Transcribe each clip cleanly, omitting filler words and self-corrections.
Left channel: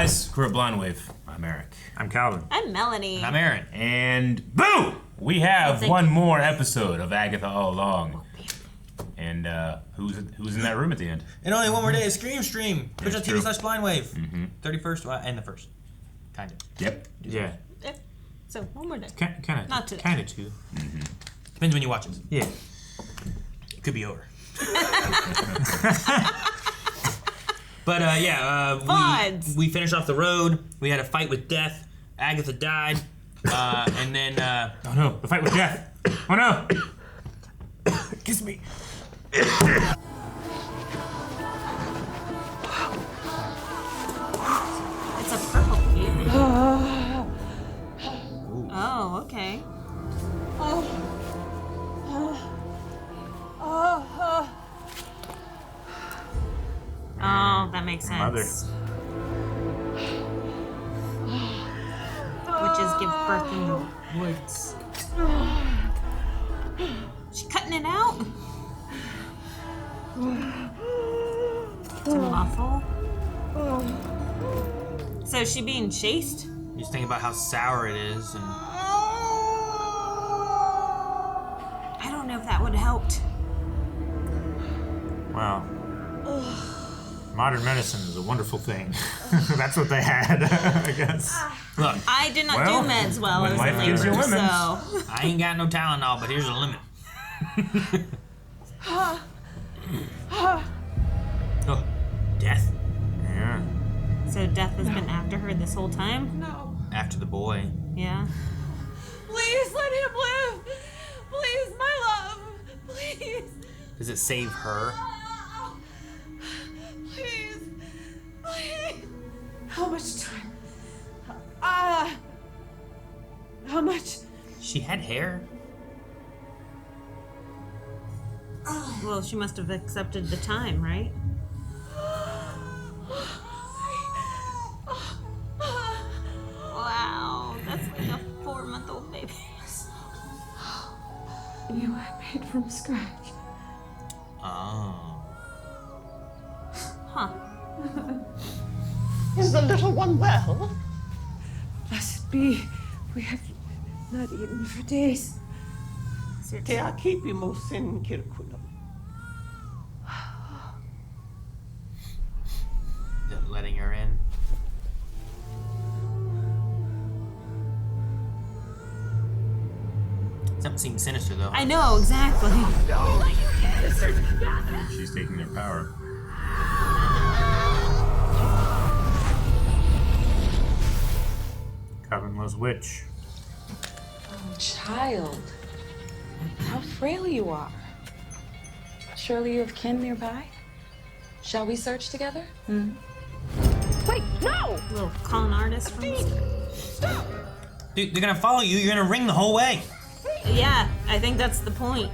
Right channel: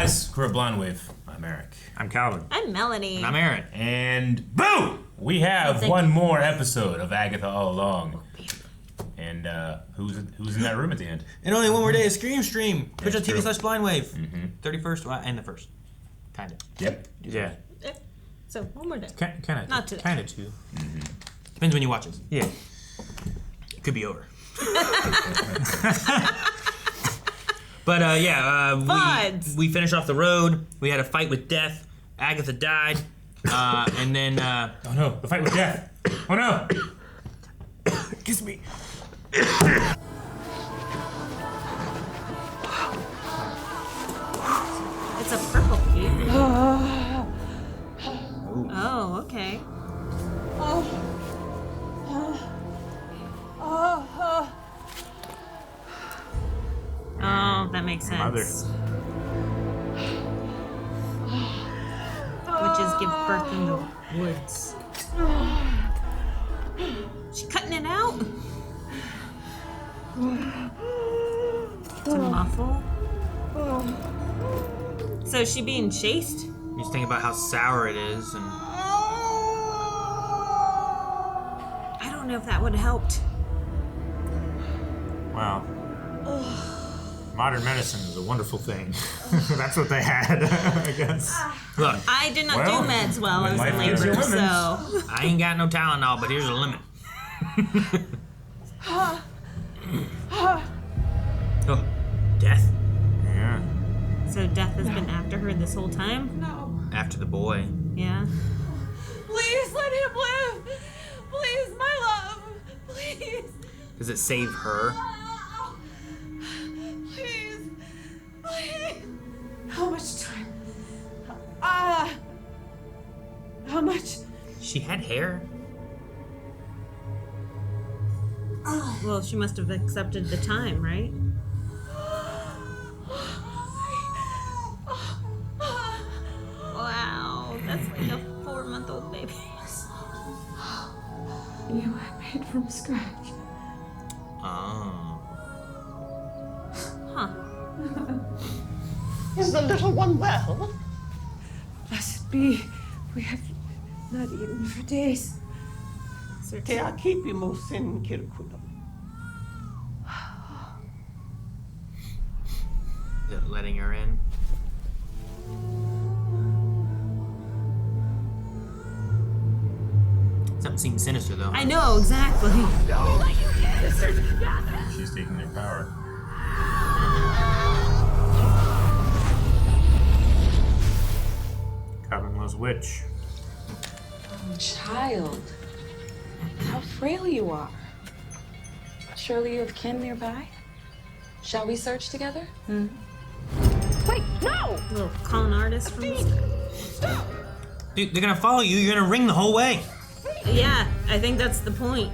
guys, crew of Blind Wave. I'm Eric. I'm Calvin. I'm Melanie. And I'm Aaron. And boom! We have one more episode of Agatha All Along. And who's in that room at the end? And only one more day of stream. Twitch.tv/blindwave. 31st, and the 1st. Kind of. Yep. Yeah. So, one more day. Kind of. Not today. Kind of too. Depends when you watch it. Yeah. It could be over. But we finished off the road. We had a fight with death. Agatha died. And then oh no, the fight with death. Oh no! Kiss me. It's a purple cube. Oh, okay. Oh, that makes sense. Mother. Witches give birth in the woods. She cutting it out? To muffle? So is she being chased? you just think about how sour it is. And I don't know if that would have helped. Wow. Modern medicine is a wonderful thing. That's what they had, I guess. look, I did not do meds while I was in gives you labor, so... lemons. I ain't got no Tylenol, but here's a limit. Oh, death? Yeah. So Death has been after her this whole time? No. After the boy. Yeah. Please let him live. Please, my love. Please. Does it save her? Please. Please. How much time? How much? She had hair? Well, she must have accepted the time, right? Wow, that's like a 4-month-old baby. You I made from scratch. Oh. Huh. Is the little one well? Blessed be. We have not eaten for days. Te akipimus in kirkunum. Is it letting her in? Something seems sinister, though. I know, exactly. She's taking their power. Covenless witch. Child, how frail you are. Surely you have kin nearby? Shall we search together? Wait, no! Little con artist from... Dude, they're gonna follow you. You're gonna ring the whole way. Yeah, I think that's the point.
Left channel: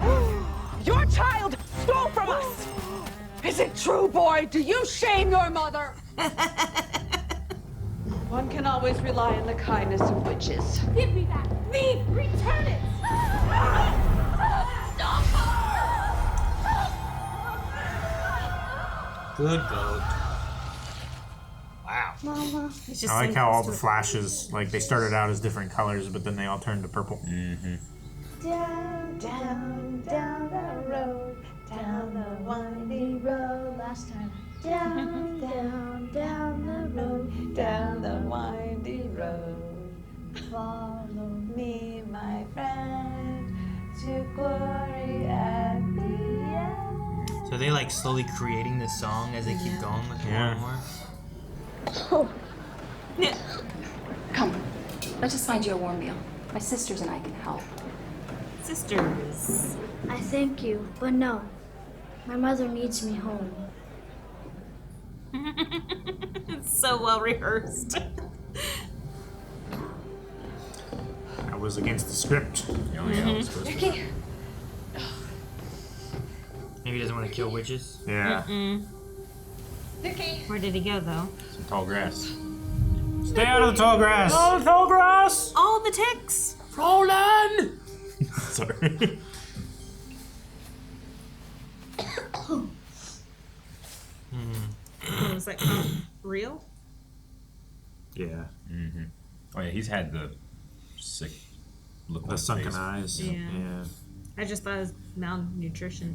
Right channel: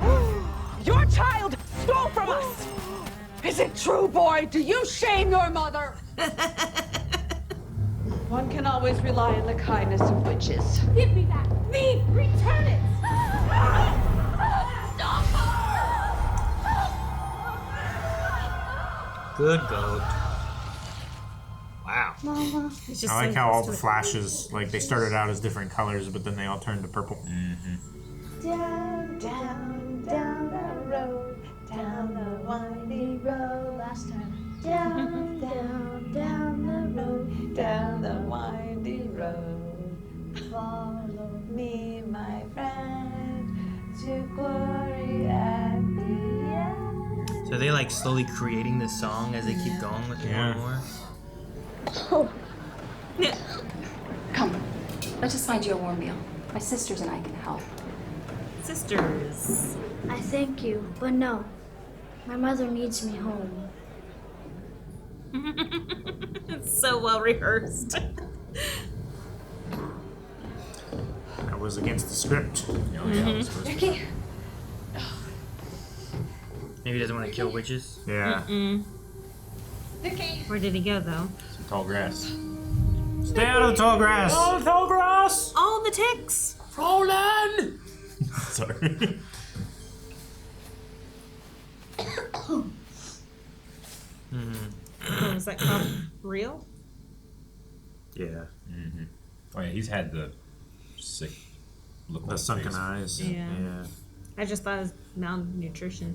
Your child stole from us! Is it true, boy? Do you shame your mother? One can always rely on the kindness of witches. Give me that! Thief! Return it! Good God. Wow. Mama. I like how all the flashes, like, they started out as different colors, but then they all turned to purple. Down, down, down the road, down the windy road. Last time. Down, down, down the road, down the windy road. Follow me, my friend, to glory at the end. So are they like slowly creating this song as they keep going with more and more? Come, let's just find you a warm meal. My sisters and I can help. Sisters. I thank you, but no. My mother needs me home. It's so well rehearsed. I was against the script. Vicky. Maybe he doesn't want to kill witches? Yeah. Vicky. Where did he go, though? Some tall grass. Stay out of the tall grass! Out of the tall grass! All the ticks. Roland! Sorry. What was that called? Real? Yeah. Mm-hmm. Oh yeah, he's had the sick look. The sunken eyes. Yeah. Yeah. I just thought it was malnutrition.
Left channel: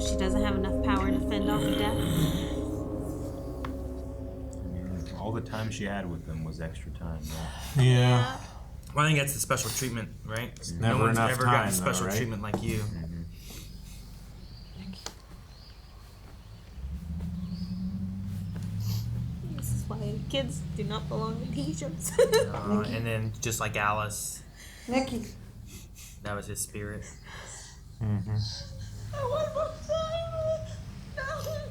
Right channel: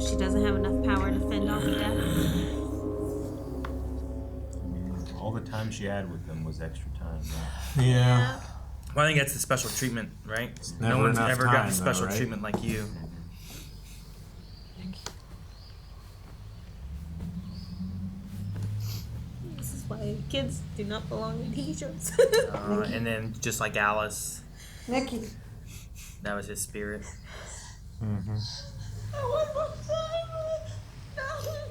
She doesn't have enough power to fend off death. All the time she had with them was extra time. Right? Yeah. Well, I think that's the special treatment, right? Never no one's enough ever time, got the special though, right? treatment like you. This is why kids do not belong in Egypt. And then, just like Alice, Nikki. that was his spirit. Mm-hmm. I want more time. No,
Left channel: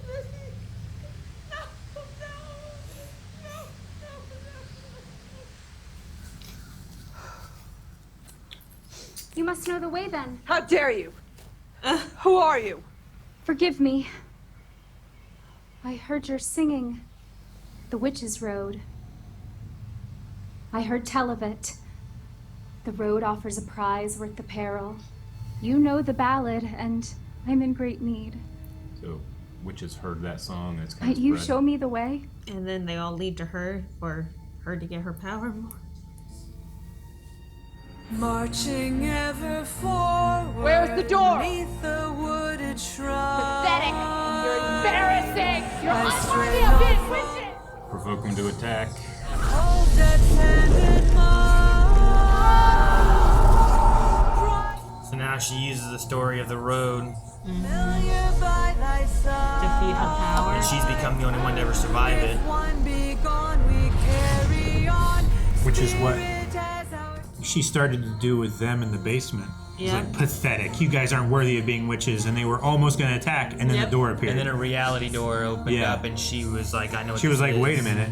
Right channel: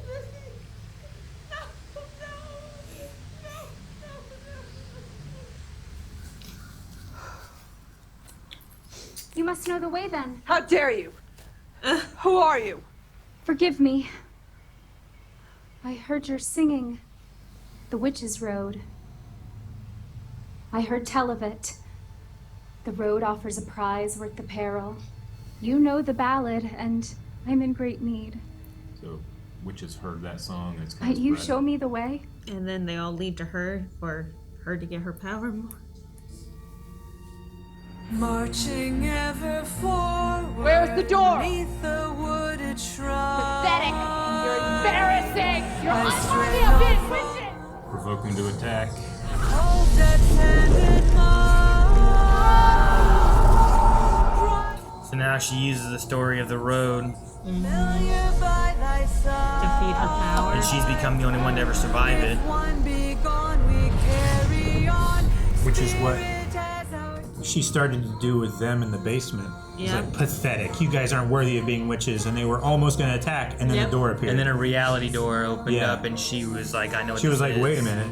Nikki. No. You must know the way then. How dare you? Who are you? Forgive me. I heard your singing the Witch's Road. I heard tell of it. The road offers a prize worth the peril. You know the ballad, and I'm in great need. So, witches heard that song. And it's kind Might of you spread. show me the way? And then they all lead to her, or her to get her power more. Marching ever forward. Where's the door? Beneath the wooded shrub. Pathetic. You're embarrassing. You're I unworthy stray of being off witches. Provoke him to attack. Hold that hand in mine. So now she uses the story of the road, Familiar by thy side. Defeat her power. and she's become the only one to ever survive it. If one be gone, we carry on. Which is what Spirit as our she started to do with them in the basement. It's Yeah. like, pathetic. You guys aren't worthy of being witches. And they were almost going to attack, and then Yep. the door appeared. And then a reality door opened Yeah. up, and she was like, I know what She was this like, is. wait a minute.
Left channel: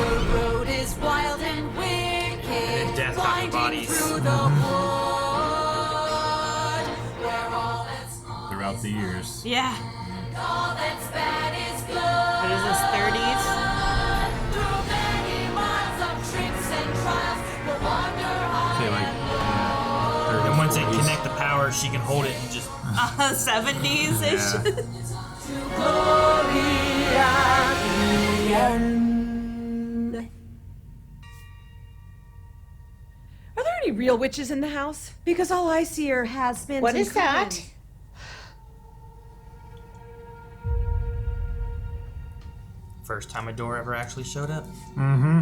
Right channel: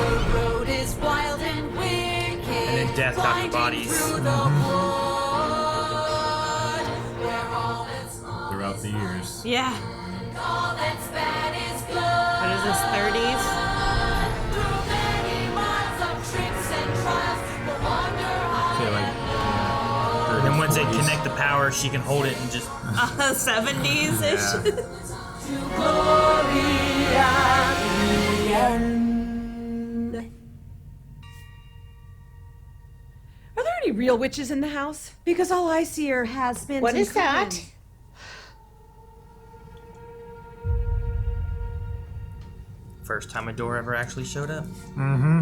The road is wild and wicked, then death got the blinding bodies. through the wood, where all that's Throughout the years. Yeah. all that's bad is good. What is this, 30s? Through many miles of tricks and trials, no wonder So, high like, And once they connect the power, she can hold it and just. 70s-ish. Yeah. to glory at the end. Are there any real witches in the house? Because all I see are has-beens. What and is that? coven. First time a door ever actually showed up. Mm-hmm.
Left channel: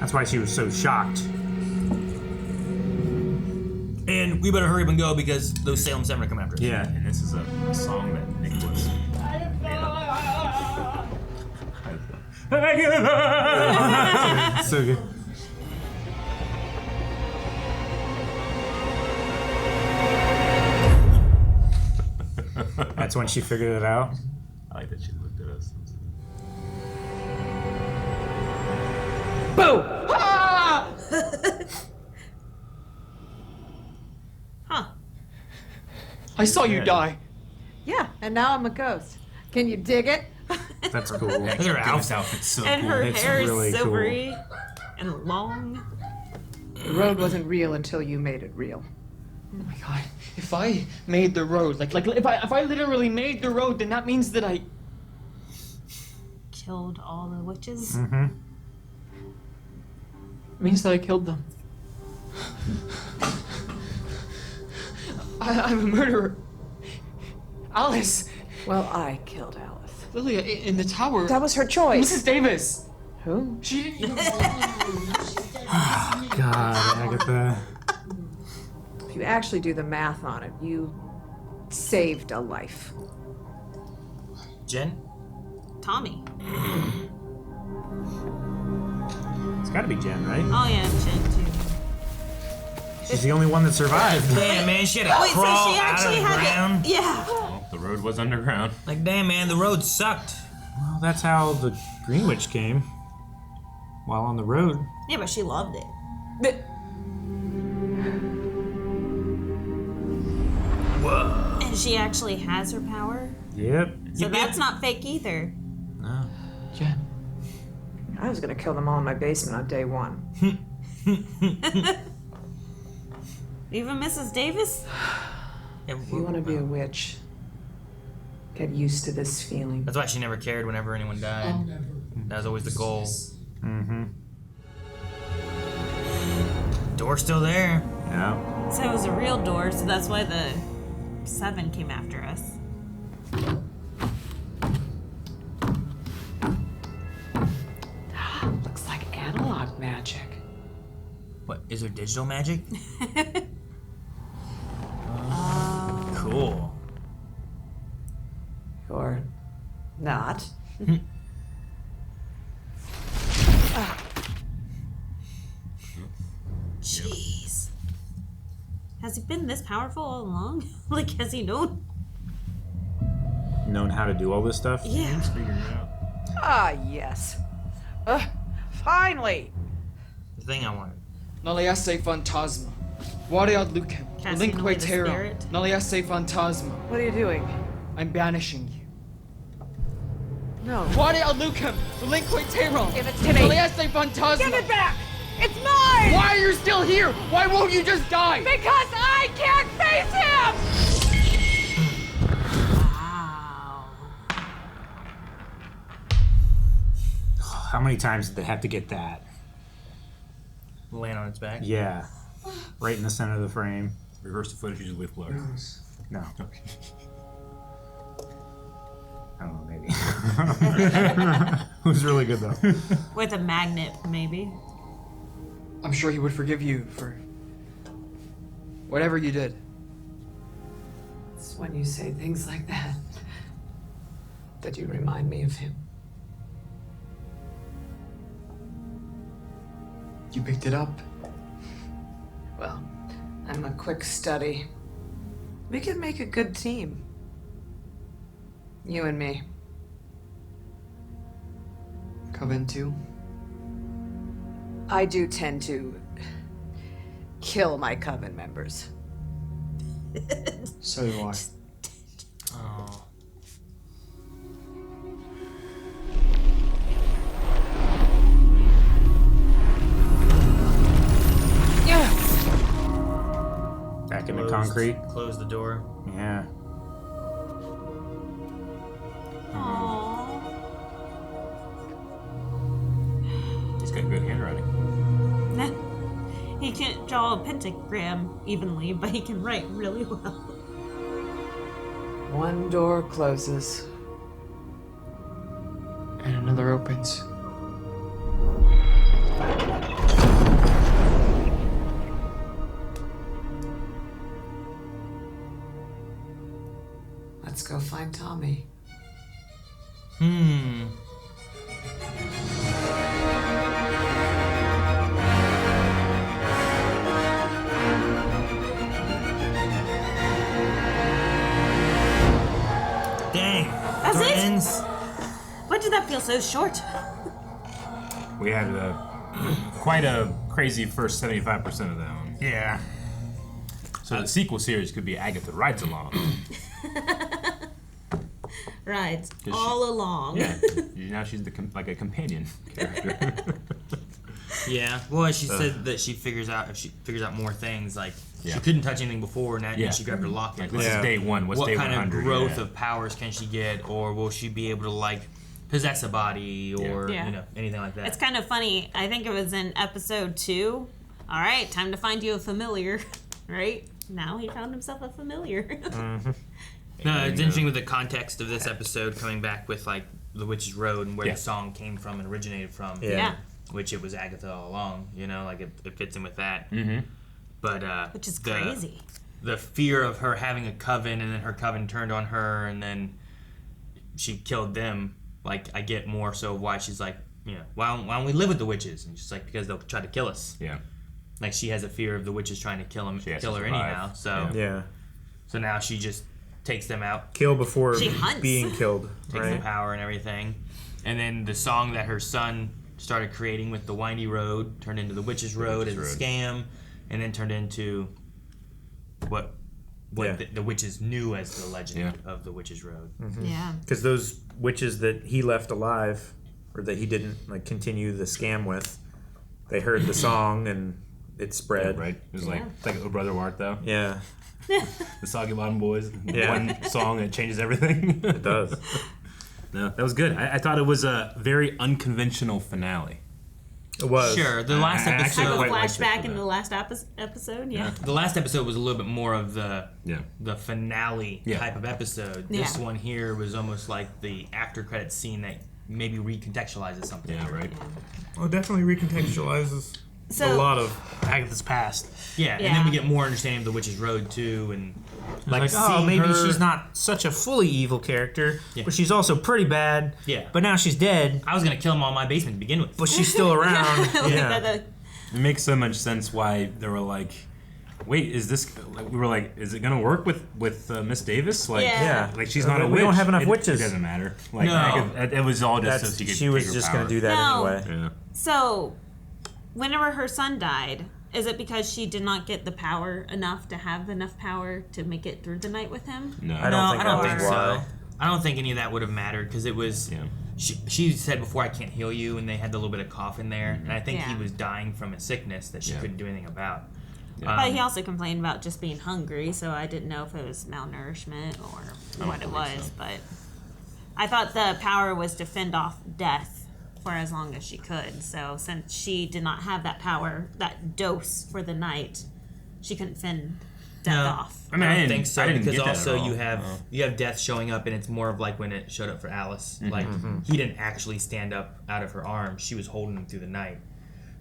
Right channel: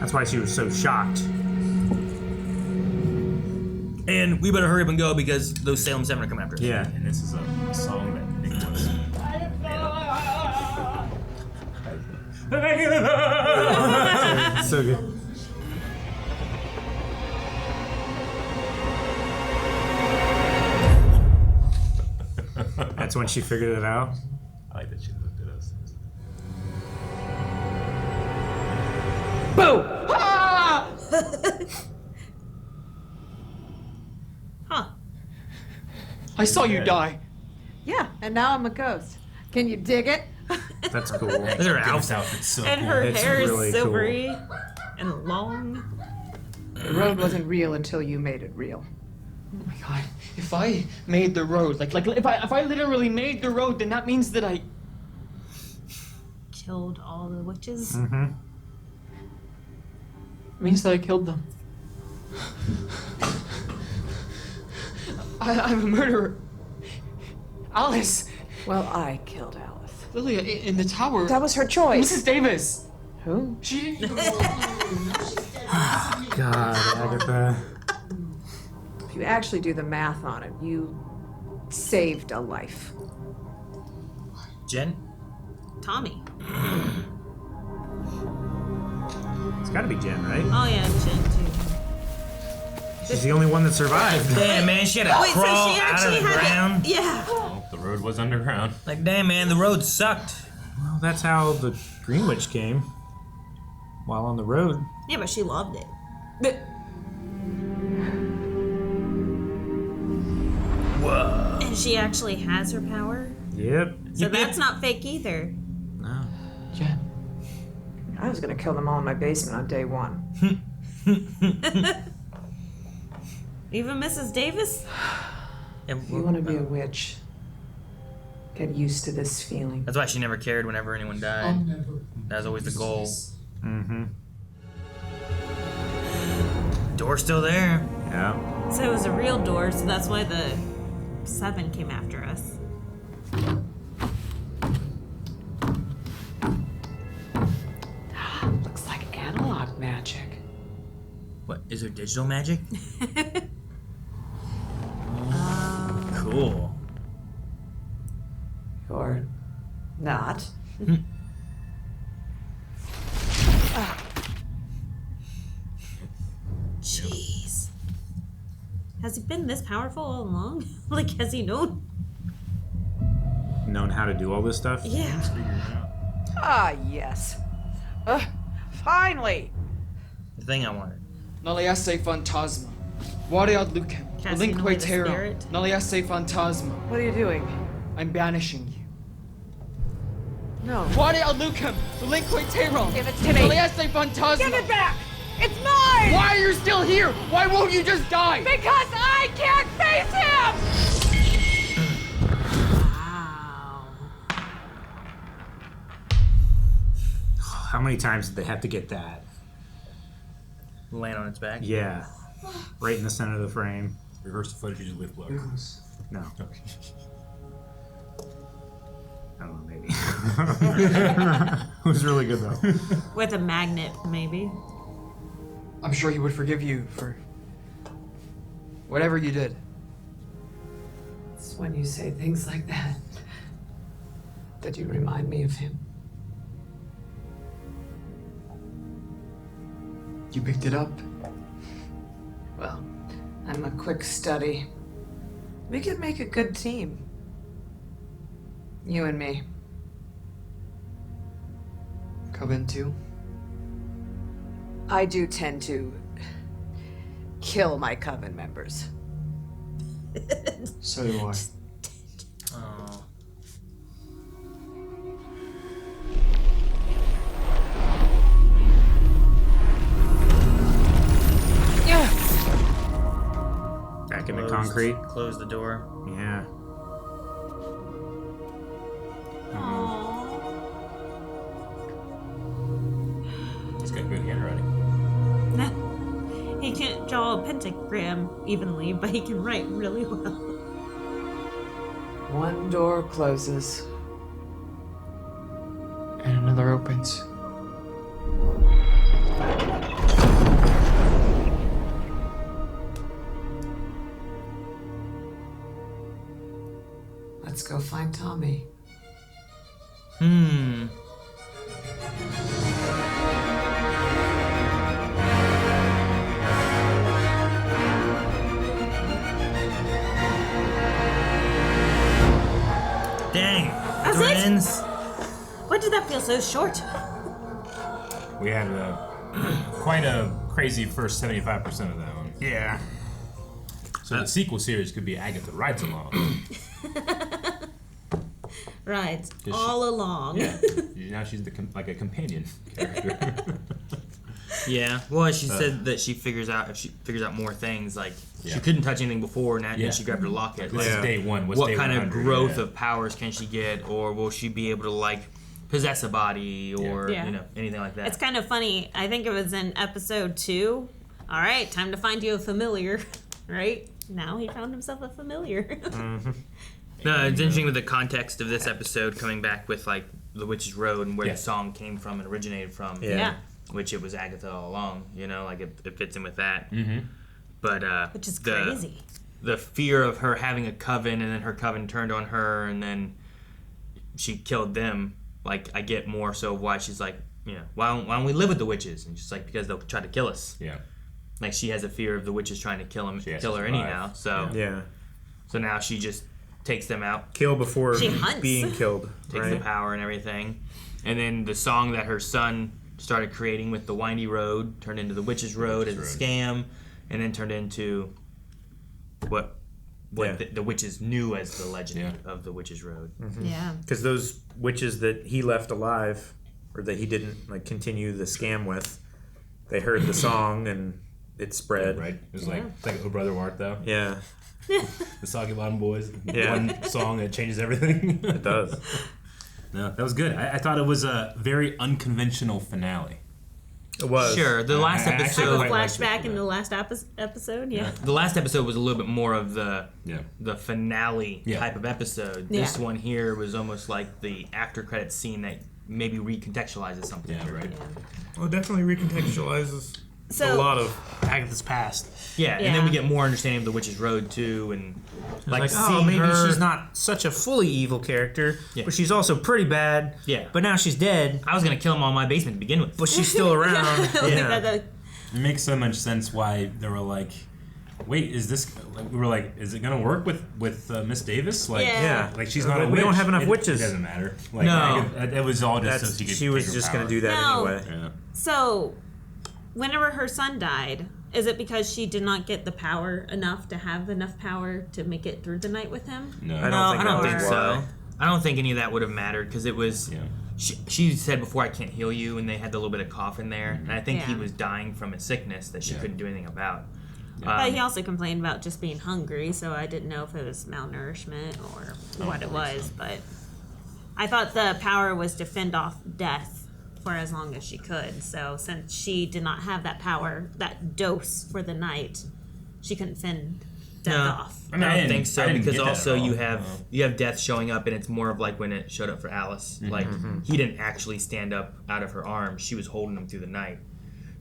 That's why she was so shocked. And we better hurry up and go because those Salem Seven are coming after us. Yeah. And this is a song that Nicholas. So good. That's when she figured it out. I like that she looked at us. Boo! Ah! Huh. I saw you die. Yeah, and now I'm a ghost. Can you dig it? That's cool. Look at her Ghost outfit. outfit's so And cool. her It's hair really is cool. silvery and long. The road wasn't real until you made it real. Oh my god. If I made the road, like if I literally made the road, then that means that I Killed all the witches. Mm-hmm. means that I killed them. I'm a murderer. Alice, Well, I killed Alice. Lilia, in the tower. That was her choice. Mrs. Davis. Who? She. God, Agatha. If you actually do the math on it, you saved a life. Jen? Tommy. It's gotta be Jen, right? Oh yeah, Jen too. She's the only one that survived. Damn, man, she had to Wait, so crawl she out of actually the had ground. it? Yeah. Well, the road was underground. Like, damn, man, the road sucked. Well, that's how the Green Witch came. While on the road. Yeah, but she loved it. Whoa. And she actually has her power. Yep. So that's not fake either. No. Jen. I was gonna kill them all in my basement on day one. Even Mrs. Davis? If you want to be a witch, get used to this feeling. That's why she never cared whenever anyone died. That was always the goal. Mm-hmm. Door's still there. Yeah. So it was a real door, so that's why the Seven came after us. Looks like analog magic. What, is there digital magic? Cool. Or not. Jeez. Has he been this powerful all along? Like, has he known? Known how to do all this stuff? Yeah. Ah, yes. Finally. The thing I wanted. Naliasse Phantasma. Wariad Lucem. Relinque Terram. Naliasse Phantasma. What are you doing? I'm banishing you. No. Wariad Lucem. Relinque Terram. Give it to me. Naliasse Phantasma. Give it back! It's mine! Why are you still here? Why won't you just die? Because I can't face him! How many times did they have to get that? Laying on its back? Yeah. Right in the center of the frame. Reverse the footage, with blood. No. Okay. I don't know, maybe. It was really good, though. With a magnet, maybe. I'm sure he would forgive you for whatever you did. It's when you say things like that that you remind me of him. You picked it up. Well, I'm a quick study. We could make a good team. You and me. Coven too. I do tend to kill my coven members. So do I. Back in the concrete. Close the door. Yeah. He's got good handwriting. He can't draw a pentagram evenly, but he can write really well. One door closes. And another opens. Let's go find Tommy. Dang. That's it? Ends. Why did that feel so short? We had quite a crazy first 75% of that one. Yeah. So the sequel series could be Agatha Rides Along. Rides all along. Yeah. Now she's like a companion character. Yeah. Well, she said that she figures out more things. Like Yeah. she couldn't touch anything before, and now she grabbed her locket. This is day one. What's what day kind 100? of growth of powers can she get, or will she be able to like possess a body, or Yeah. you know, anything like that? It's kind of funny. I think it was in episode 2. All right, time to find you a familiar. Right? Now he found himself a familiar. Mm-hmm. No, it's interesting with the context of this episode coming back with like the Witch's Road and where the song came from and originated from. Yeah. Which it was Agatha all along, you know, like it fits in with that. Mm-hmm. But Which is crazy. The fear of her having a coven and then her coven turned on her and then she killed them. Like I get more so why she's like, you know, why don't we live with the witches? And she's like, because they'll try to kill us. Yeah. Like she has a fear of the witches trying to kill has her to survive. anyhow. So Yeah. So now she just takes them out. Kill before She hunts. being killed. Takes Right. the power and everything. And then the song that her son started creating with the Windy Road turned into the Witch's Road as a scam, and then turned into what the witches knew as the legend of the Witch's Road. Mm-hmm. Yeah. Because those witches that he left alive, or that he didn't like continue the scam with, they heard the song and it spread. Right. It was like it's like Oh Brother Wart though. Yeah. The Soggy Bottom Boys. Yeah. One song that changes everything. It does. No, that was good. I thought it was a very unconventional finale. It was. Sure, the last episode. Flashback in the last episode, yeah. The last episode was a little bit more of the finale Yeah. type of episode. Yeah. This one here was almost like the after credits scene that maybe recontextualizes something. Yeah, right. Well, it definitely recontextualizes So- a lot of Agatha's past. Yeah, and then we get more understanding of the Witch's Road too, and Like, oh, seeing maybe her- she's not such a fully evil character, Yeah. but she's also pretty bad. Yeah. But now she's dead, I was gonna kill him all in my basement to begin with. but she's still around. Yeah. It makes so much sense why they were like, wait, is this? Like, we were like, is it gonna work with Miss Davis? Like, Yeah. like she's not a We witch. don't have enough It witches. doesn't matter. Like, No. it was all just so That's, she could. she was take her just power. going to do that No. anyway. Yeah. So, whenever her son died, is it because she did not get the power enough to have enough power to make it through the night with him? No. I don't think that was why. so. I don't think any of that would have mattered because it was. Yeah. She said before, I can't heal you, and they had the little bit of cough in there, and I think he Yeah. was dying from a sickness that she Yeah. couldn't do anything about. But he also complained about just being hungry, so I didn't know if it was malnourishment or what it was. But I thought the power was to fend off death for as long as she could. So since she did not have that power, that dose for the night, she couldn't fend death off. I mean, I don't didn't think so I didn't because get that also at all. you have death showing up, and it's more of like when it showed up for Alice. Like he didn't actually stand up out of her arms; she was holding him through the night,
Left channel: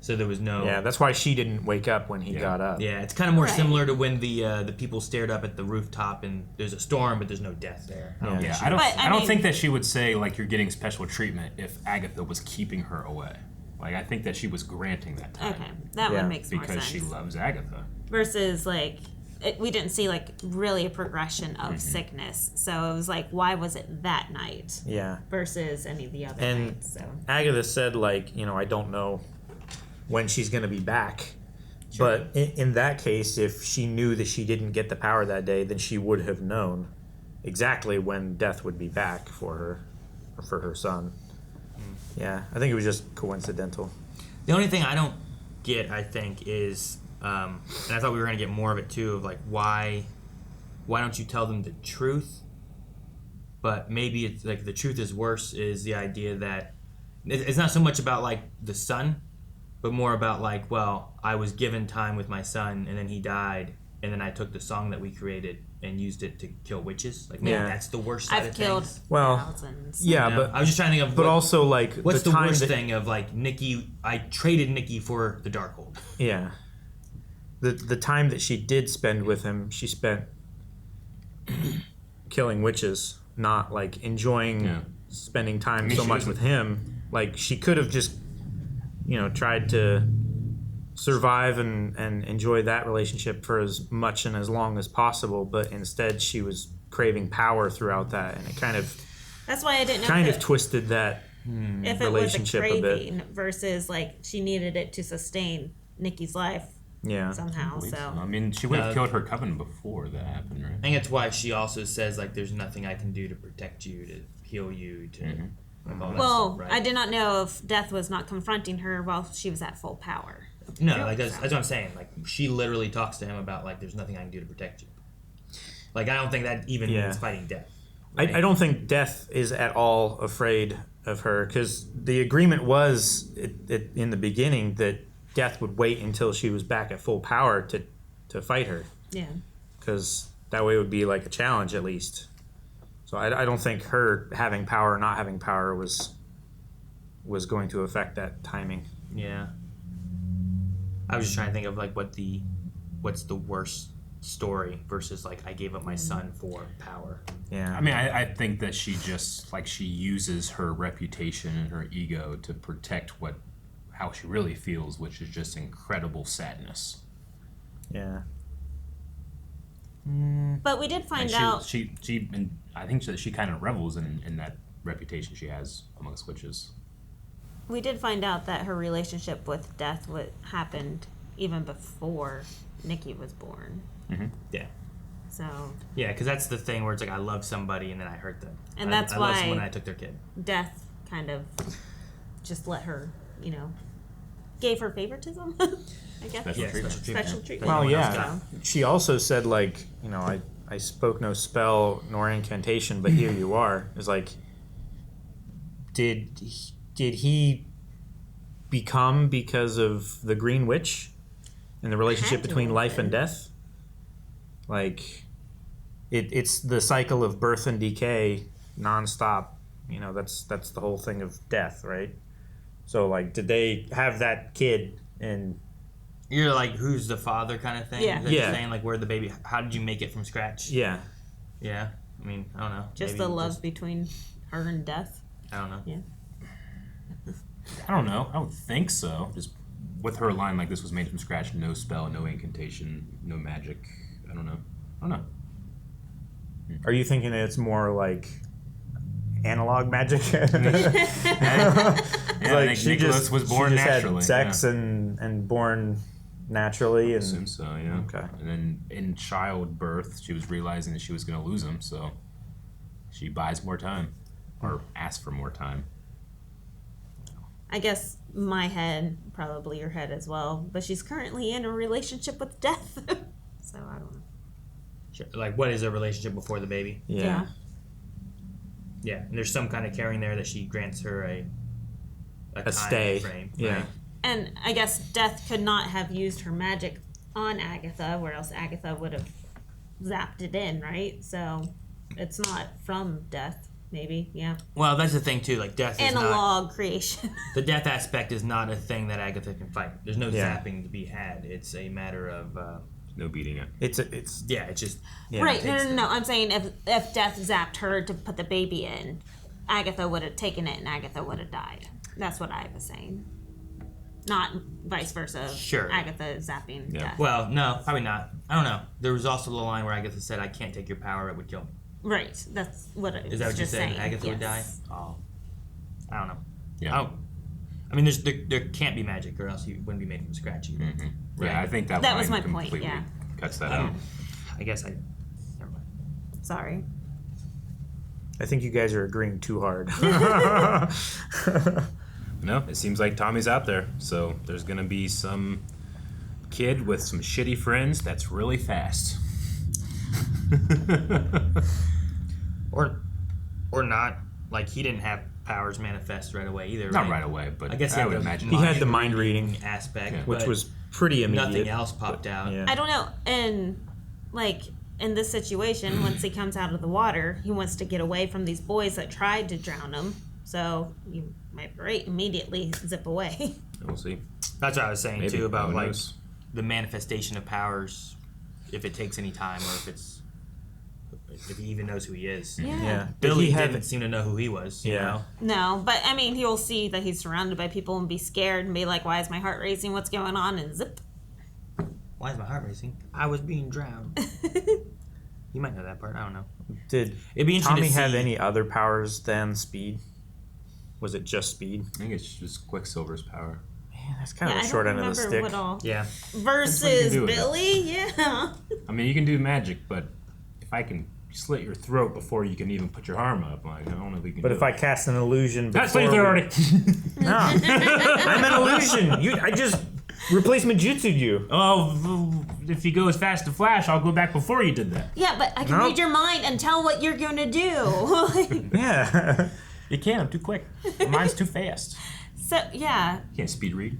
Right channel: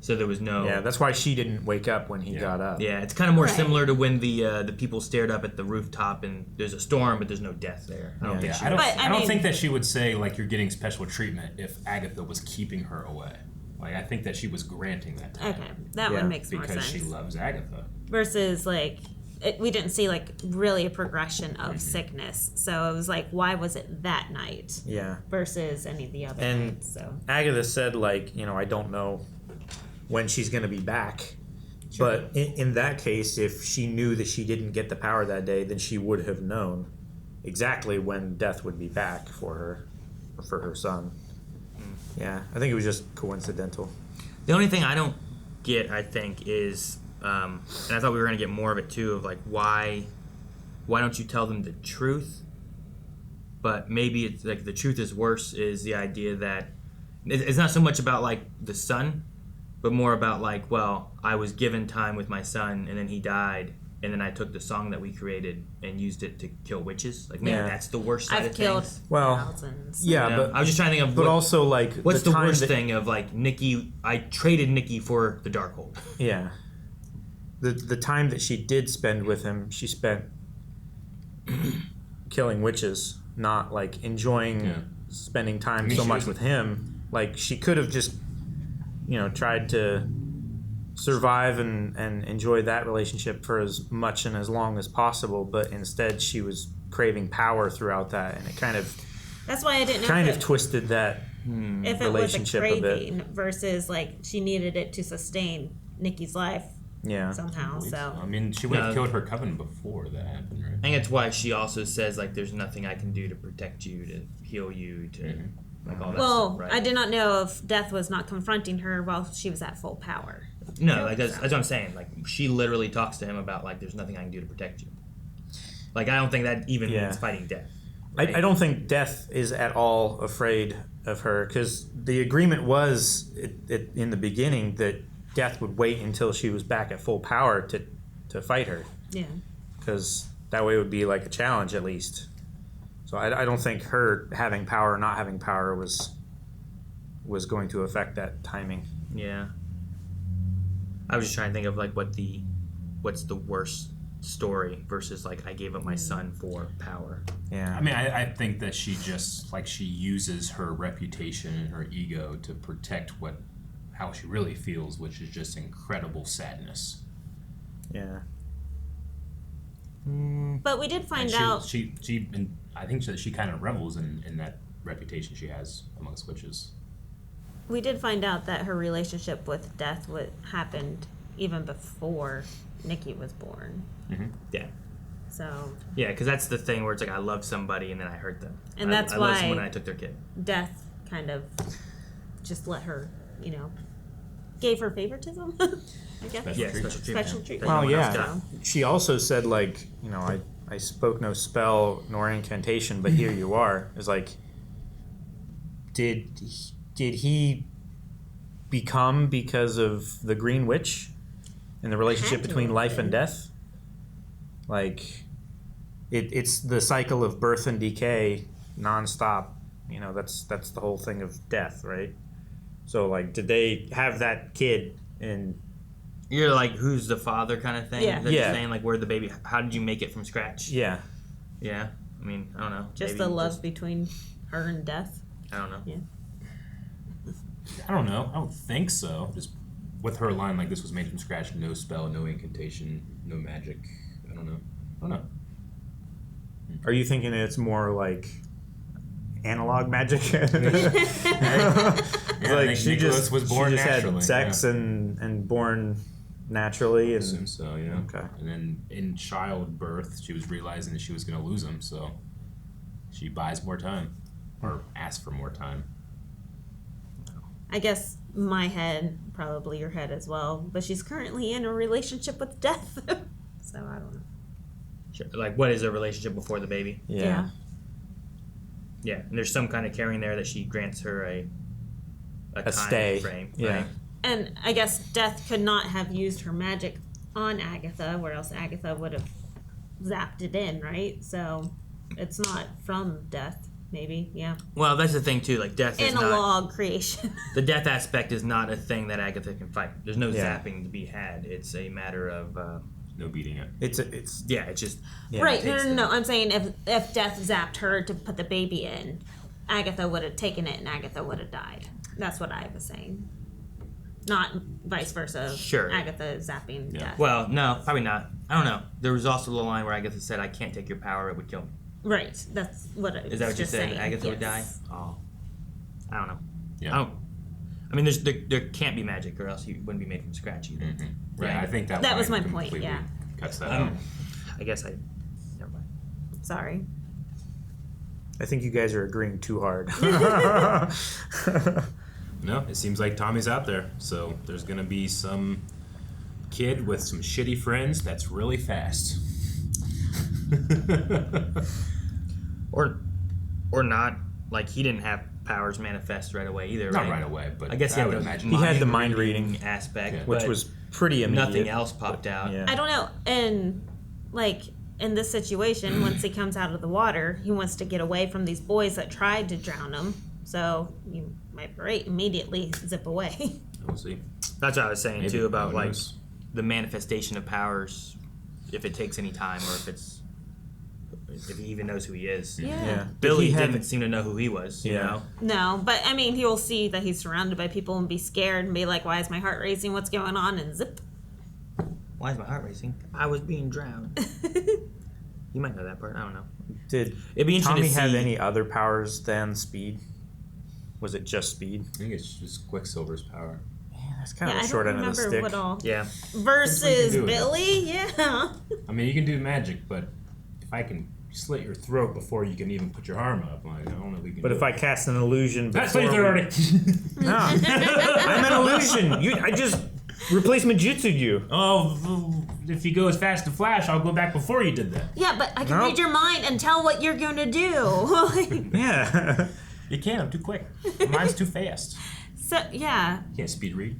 so there was no. Yeah, that's why she didn't wake up when he got up. Yeah, it's kind of more Right. similar to when the people stared up at the rooftop and there's a storm, but there's no death there. I don't think Yeah, she- I don't. But, I I don't mean- think that she would say like you're getting special treatment if Agatha was keeping her away. Like I think that she was granting that time. Okay, that Yeah. one makes more Because sense. she loves Agatha. Versus like we didn't see like really a progression of sickness, so it was like why was it that night Yeah. versus any of the other And nights? So Agatha said, like, I don't know when she's going to be back. But in that case, if she knew that she didn't get the power that day, then she would have known exactly when Death would be back for her, or for her son. Yeah, I think it was just coincidental. The only thing I don't get, I think, is, and I thought we were going to get more of it too, of like why don't you tell them the truth? But maybe it's like the truth is worse is the idea that it's not so much about like the son, but more about like, well, I was given time with my son and then he died, and then I took the song that we created and used it to kill witches. Like maybe Yeah. that's the worst side I've of killed things. Well, thousands. yeah, You know? but I was just trying to think of but what- also like what's the the time worst that, thing of like Nikki? I traded Nikki for the Darkhold. Yeah. The time that she did spend with him, she spent killing witches, not like enjoying spending time so she much was- with him. Like she could have just, tried to survive and enjoy that relationship for as much and as long as possible, but instead she was craving power throughout that, and it That's why I didn't know kind if of twisted that if it relationship was a a bit. craving versus like she needed it to sustain Nikki's life Yeah. somehow. So I mean, she would have killed her coven before that happened, right? I think it's why she also says like, "There's nothing I can do to protect you, to heal you, to like all that well, stuff." Right? I did not know if Death was not confronting her while she was at full power. No, like that's what I'm saying. Like she literally talks to him about like, "There's nothing I can do to protect you." Like I don't think that even Yeah. means fighting death. I don't think Death is at all afraid of her, because the agreement was in the beginning that Death would wait until she was back at full power to fight her, Yeah. because that way it would be like a challenge at least. So I don't think her having power or not having power was going to affect that timing. Yeah. I was just trying to think of like what's the worst story versus like I gave up my son for power. Yeah. I mean, I think that she just she uses her reputation and her ego to protect how she really feels, which is just incredible sadness. Yeah. But we did find And out. and I think that she kind of revels in that reputation she has amongst witches. We did find out that her relationship with Death happened even before Nikki was born. Mm-hmm. Yeah. So Yeah, because that's the thing where it's like I love somebody and then I hurt them. And that's I why love someone and I took their kid. Death kind of just let her, gave her favoritism. I guess. Special treatment. Well, yeah. She also said, like, you know, I spoke no spell nor incantation, but here you are. It's like, did he become because of the Green Witch and the relationship between life and death? Like, it's the cycle of birth and decay nonstop. You know, that's the whole thing of death, right? So, like, did they have that kid and... You're like, who's the father kind of thing? Yeah. That you're saying, like, where the baby... How did you make it from scratch? Yeah. Yeah. I mean, I don't know. Just the love between her and death. I don't know. Yeah. I don't know. I don't think so. Just with her line, like, this was made from scratch, no spell, no incantation, no magic. I don't know. Are you thinking it's more like analog magic? Like she Nicholas was born she just naturally, had sex and born naturally. I And assume so, yeah. Okay. And then in childbirth, she was realizing that she was going to lose him, so she buys more time, or asks for more time. I guess my head, probably your head as well, but she's currently in a relationship with death. So I don't know. Sure. Like, what is a relationship before the baby? Yeah. Yeah, and there's some kind of caring there that she grants her a time stay. frame. Yeah. Right? And I guess Death could not have used her magic on Agatha, where else Agatha would have zapped it in, right? So it's not from Death, maybe, yeah. Well, that's the thing, too. Like, death is not... Analog creation. The death aspect is not a thing that Agatha can fight. There's no Yeah. zapping to be had. It's a matter of... No beating it. It's yeah, it's just... Yeah. Right, no. I'm saying if Death zapped her to put the baby in, Agatha would have taken it and Agatha would have died. That's what I was saying. Not vice versa. Sure. Agatha zapping Death. Well, no, probably not. I don't know. There was also the line where Agatha said, I can't take your power, it would kill me. Right, that's what I was Is that what you just said? saying. Agatha would die? Yes. Oh. I don't know. Yeah. I mean, there can't be magic, or else you wouldn't be made from scratch either. Mm-hmm. Right? Yeah, I think that was line my point, completely yeah. cuts that out. I guess never mind. Sorry. I think you guys are agreeing too hard. No, it seems like Tommy's out there. So there's going to be some kid with some shitty friends that's really fast. or not. Like, he didn't have powers manifest right away either, Not right? right away, but I guess I would imagine he had the mind reading aspect, which but was pretty immediate. nothing else popped out. Yeah. I don't know. And, like, in this situation, once he comes out of the water, he wants to get away from these boys that tried to drown him. So you might immediately zip away. We'll see. That's what I was saying, Maybe. too, about, Who like, knows? the manifestation of powers, if it takes any time, or if he even knows who he is. Yeah. Billy Did he didn't seem to know who he was, you Yeah. know? No, but, I mean, he'll see that he's surrounded by people and be scared and be like, why is my heart racing? What's going on? And zip. Why is my heart racing? I was being drowned. You might know that part. I don't know. Did It'd be interesting Tommy to have see- any other powers than speed? Was it just speed? I think it's just Quicksilver's power. Man, that's kind of I a don't short end of the remember stick. what all. Yeah. Versus do with it. Billy? Yeah. I mean, you can do magic, but if I can slit your throat before you can even put your arm up, like, I don't know if we can But do if it. I cast an illusion before... That's slit your throat already. No. I'm an illusion. I just replacement jutsu'd you. Oh, if you go as fast as Flash, I'll go back before you did that. Yeah, but I can Nope. read your mind and tell what you're going to do. Yeah. You can't, I'm too quick. Mine's too fast. So, yeah. You can't speed read.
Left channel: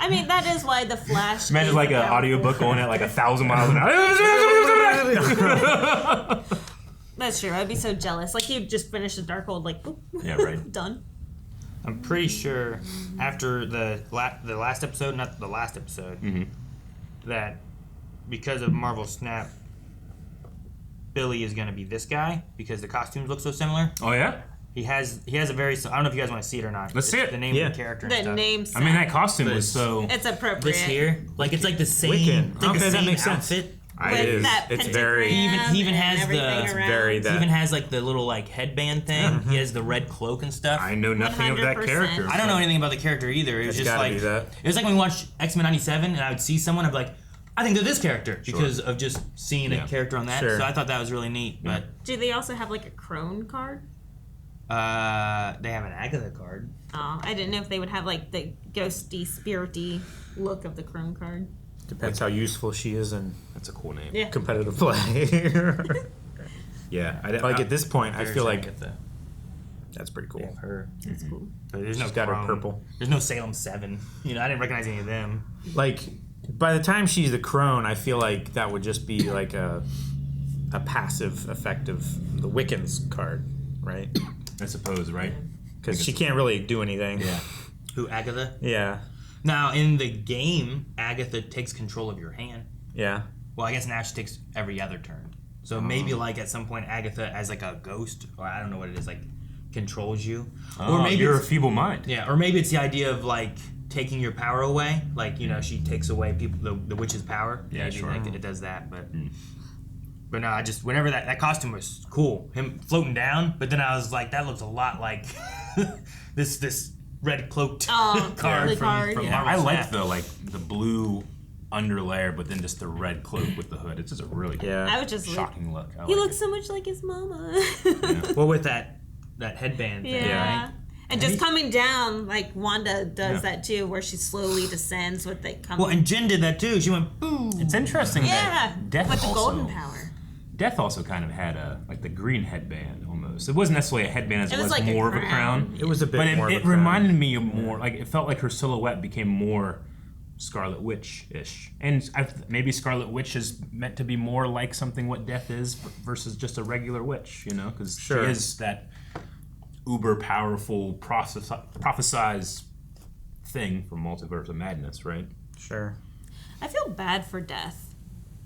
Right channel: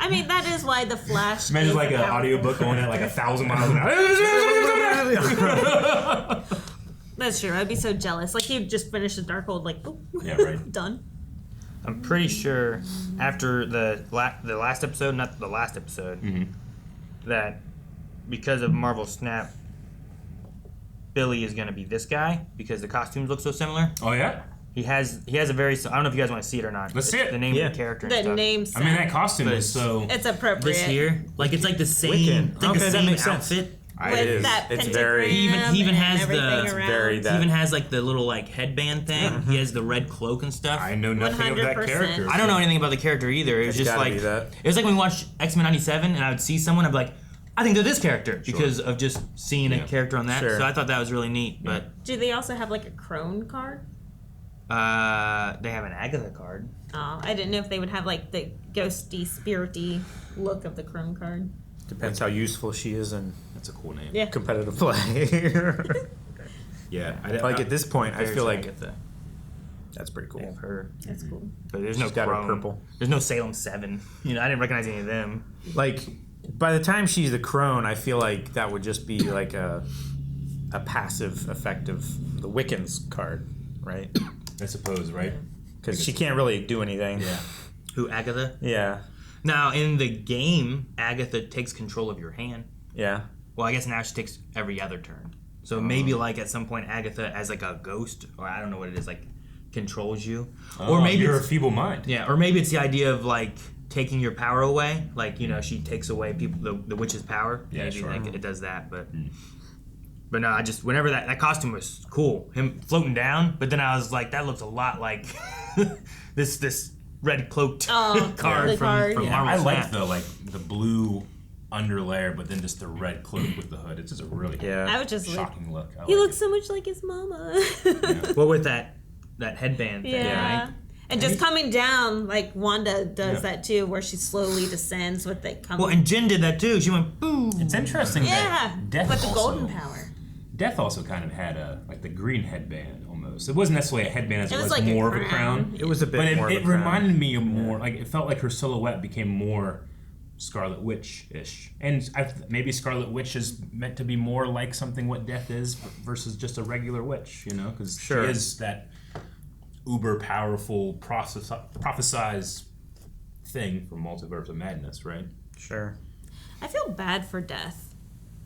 I mean, that is why the Flash. Imagine is like an power- audiobook going at like 1,000 miles an hour. That's true. I'd be so jealous. Like, he'd just finish the Darkhold, like, oop. Yeah, right. Done. I'm pretty sure after the last episode, not the last episode, that because of Marvel Snap, Billy is going to be this guy because the costumes look so similar. Oh, yeah? He has a very... I don't know if you guys want to see it or not. Let's see it. The name of the character and The stuff. name I mean, that costume is so... It's appropriate. This here, like, it's like the same... Wiccan. Like Okay, the that same makes sense. outfit. With It is. that It's pentagram very... He even has and everything the- around. very He that. even has, like, the little, like, headband thing. He has the red cloak and stuff. I know nothing of that 100%. character. I don't know anything about the character either. It was It's just gotta like... be that. It was like when we watched X-Men 97 and I would see someone, I'd be like, I think they're this character because of just seeing a character on that. Sure. So I thought that was really neat. But Do they also have, like, a Crone card? they have an Agatha card. Oh, I didn't know if they would have like the ghosty, spirity look of the Crone card. Depends how useful she is in That's a cool name. Yeah. competitive play. Yeah. Like at this point, I Very feel like Agatha. that's pretty cool. Give her. That's cool. But there's She's no got her Crone. purple. There's no Salem 7. You know, I didn't recognize any of them. Like by the time she's the Crone, I feel like that would just be like a passive effect of the Wiccan's card, right? I suppose, right? Because she can't really do anything. Yeah. Who, Agatha? Yeah. Now, in the game, Agatha takes control of your hand. Yeah. Well, I guess now she takes every other turn. So maybe, like, at some point, Agatha, as, like, a ghost, or I don't know what it is, like, controls you. Oh, or maybe you're a it's- feeble mind. Yeah, or maybe it's the idea of, like, taking your power away. Like, you know, she takes away the witch's power. Yeah, Maybe, sure. Like, it does that, but... But no, I just, whenever that costume was cool, him floating down, but then I was like, that looks a lot like this red cloaked card the from card. Marvel I like Snap. the blue underlayer, but then just the red cloak with the hood. It's just a really I would just shocking look. I He like looks so much like his mama. Well, with that headband thing, Yeah. right? And just coming down, like Wanda does Yeah. that too, where she slowly descends with the coming. Well, and Jen did that too. She went boom. It's interesting yeah, that Death with the also, golden power. Death also kind of had like the green headband almost. It wasn't necessarily a headband as It it was was like a more of a crown. crown. It was a bit But more of a it crown. reminded me of more, like it felt like her silhouette became more Scarlet Witch-ish. And maybe Scarlet Witch is meant to be more like something what Death is versus just a regular witch, you know? Because Sure. she is that uber powerful prophesized thing from Multiverse of Madness, right? Sure. I feel bad for Death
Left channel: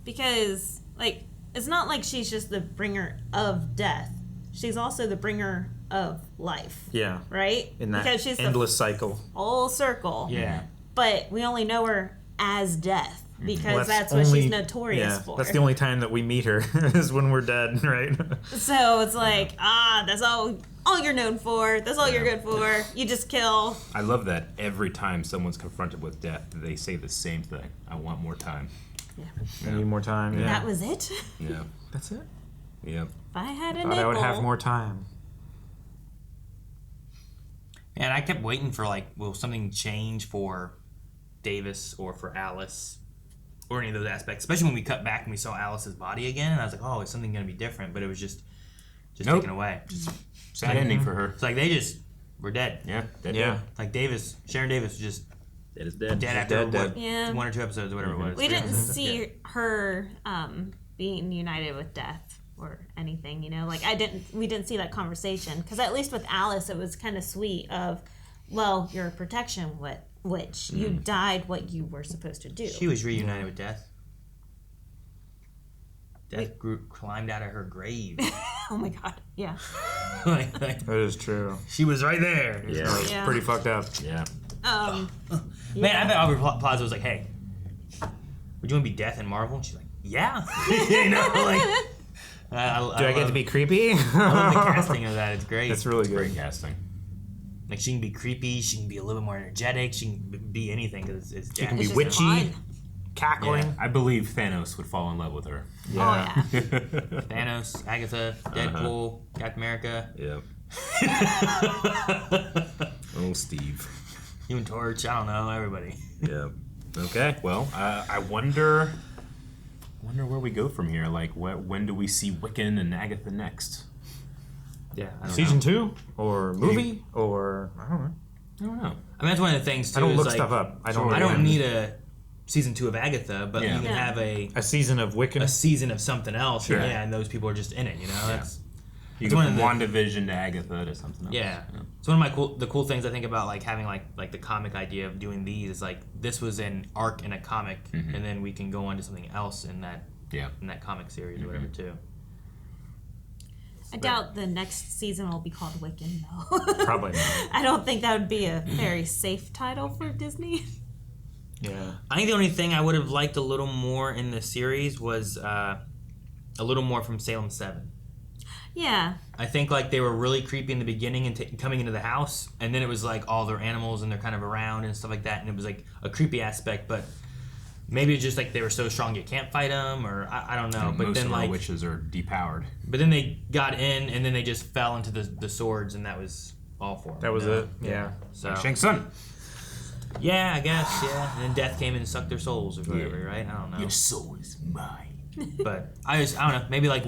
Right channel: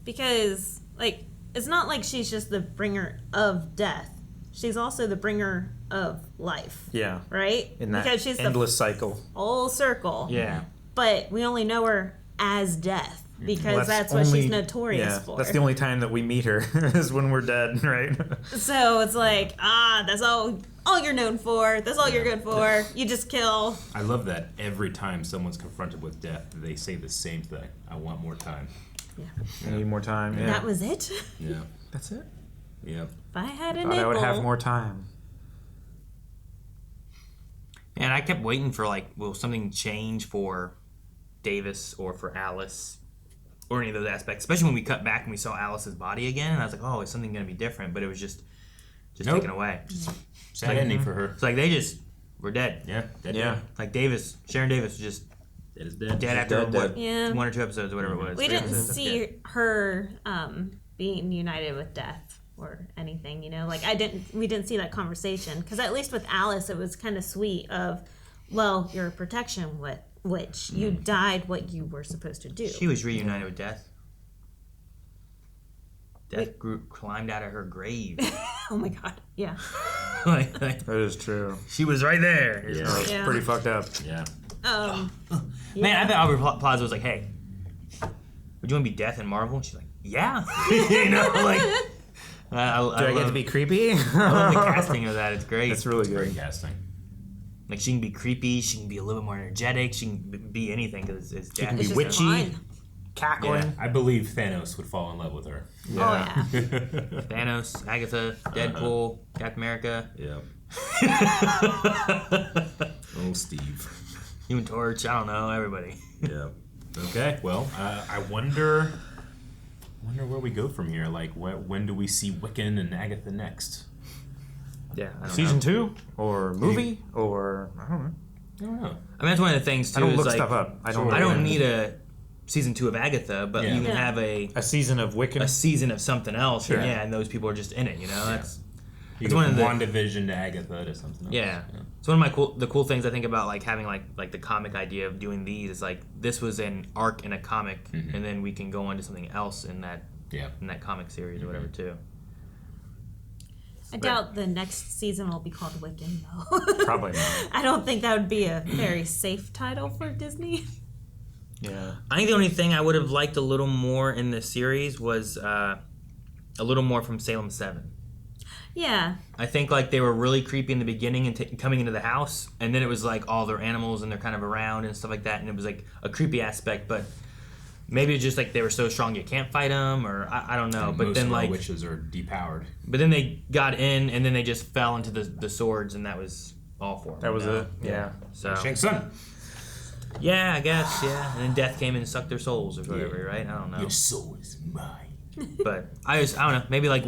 because, like, it's not like she's just the bringer of death. She's also the bringer of life. Yeah. Right? In that because she's endless the cycle. full circle. Yeah. But we only know her as Death because Well, that's what she's notorious for. That's the only time that we meet her is when we're dead, right? So it's like, that's all you're known for. That's all you're good for. You just kill. I love that every time someone's confronted with death, they say the same thing. I want more time. I need more time. Yeah. That was it. Yeah. That's it. Yep. If I had a Thought nipple. I would have more time. And I kept waiting for, like, will something change for Davis or for Alice or any of those aspects, especially when we cut back and we saw Alice's body again, and I was like, oh, is something going to be different? But it was just Nope. taken away. Sad ending for her. It's like they just were dead. Yeah. Dead. Yeah. Like Sharon Davis was just Dead is dead. dead after dead. Yeah. 1 or 2 episodes, or whatever it was. We 3 didn't episodes. see Yeah. her being united with death or anything, you know. Like we didn't see that conversation because at least with Alice, it was kind of sweet. Of, well, you're a protection witch. You died what you were supposed to do. She was reunited with Death. Death climbed out of her grave. Oh my god! Yeah. like, That is true. she was right there. Yeah. That was Yeah. pretty fucked up. Yeah. Man, I bet Aubrey Plaza was like, "Hey, would you want to be Death in Marvel?" And she's like, "Yeah." You know, like. Do I get to be creepy? I love the casting of that. It's great. It's really good. Great casting. Like she can be creepy. She can be a little bit more energetic. She can be anything because it's Death. She can be It's just witchy, fun. cackling. I believe Thanos would fall in love with her. Yeah. Oh yeah. Thanos, Agatha, Deadpool, Captain America, Yep. Oh, Steve. Human Torch. I don't know. Everybody. Yep. Okay. Well, I wonder where we go from here. Like, when do we see Wiccan and Agatha next? Yeah. I don't Season know. 2 or movie or I don't know. I don't know. I mean, that's one of the things too. I don't is look like, stuff up. I don't. I don't need a season 2 of Agatha, but Yeah. you can Yeah. have a season of Wiccan. season of something else. Sure. Yeah, and those people are just in it. You know, that's You It's go one from of the- WandaVision to Agatha to something else. yeah. It's one of the cool things I think about like having like the comic idea of doing these is like this was an arc in a comic, and then we can go on to something else in that comic series or whatever too. I doubt the next season will be called Wiccan, though. Probably not. I don't think that would be a very safe title for Disney. Yeah. I think the only thing I would have liked a little more in the series was a little more from Salem 7. Yeah. I think like they were really creepy in the beginning and coming into the house, and then it was like all their animals and they're kind of around and stuff like that, and it was like a creepy aspect, but maybe it's just like they were so strong you can't fight them, or I don't know. But most then of our like witches are depowered. But then they got in, and then they just fell into the swords, and that was all for him. That was it. Yeah. So Shang Tsung. yeah, I guess, yeah. And then death came and sucked their souls or whatever, right? I don't know. Your soul is mine. But I don't know, maybe like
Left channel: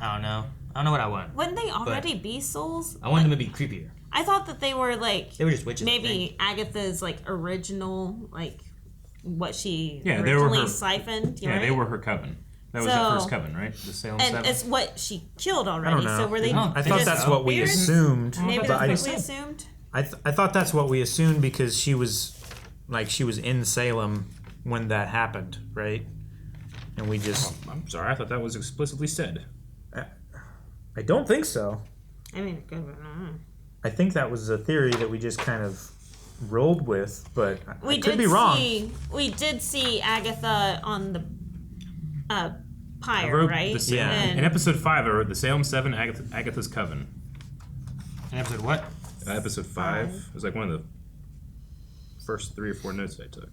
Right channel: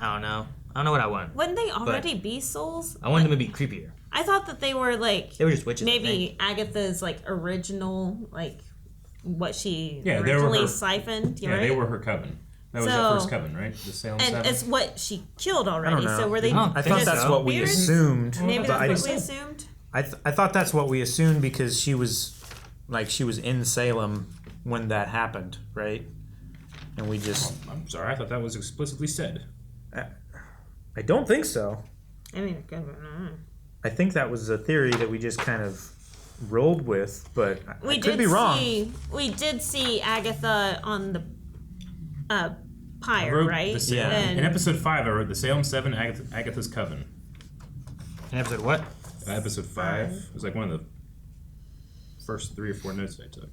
I don't know what I want. Wouldn't they already be souls? I want them to be creepier. I thought that they were like They were just witches. maybe Agatha's like original, like what she Yeah, they were originally her. siphoned. Yeah, right? they were her coven. That was So- the first coven, right? The Salem And Seven. it's what she killed I already. don't know. So were they? I thought just that's what we spirits? assumed. Maybe but that's what we assumed. I thought that's what we assumed because she was in Salem when that happened, right? And we just. I'm sorry, I thought that was explicitly said. I don't think so. I mean, it could be. I think that was a theory that we just kind of rolled with, but I could be wrong. We did see Agatha on the I pyre, wrote right? the Salem, And in episode 5. I wrote the Salem 7, Agatha's Coven. In episode what? Episode 5. It was like one of the first 3 or 4 notes I took.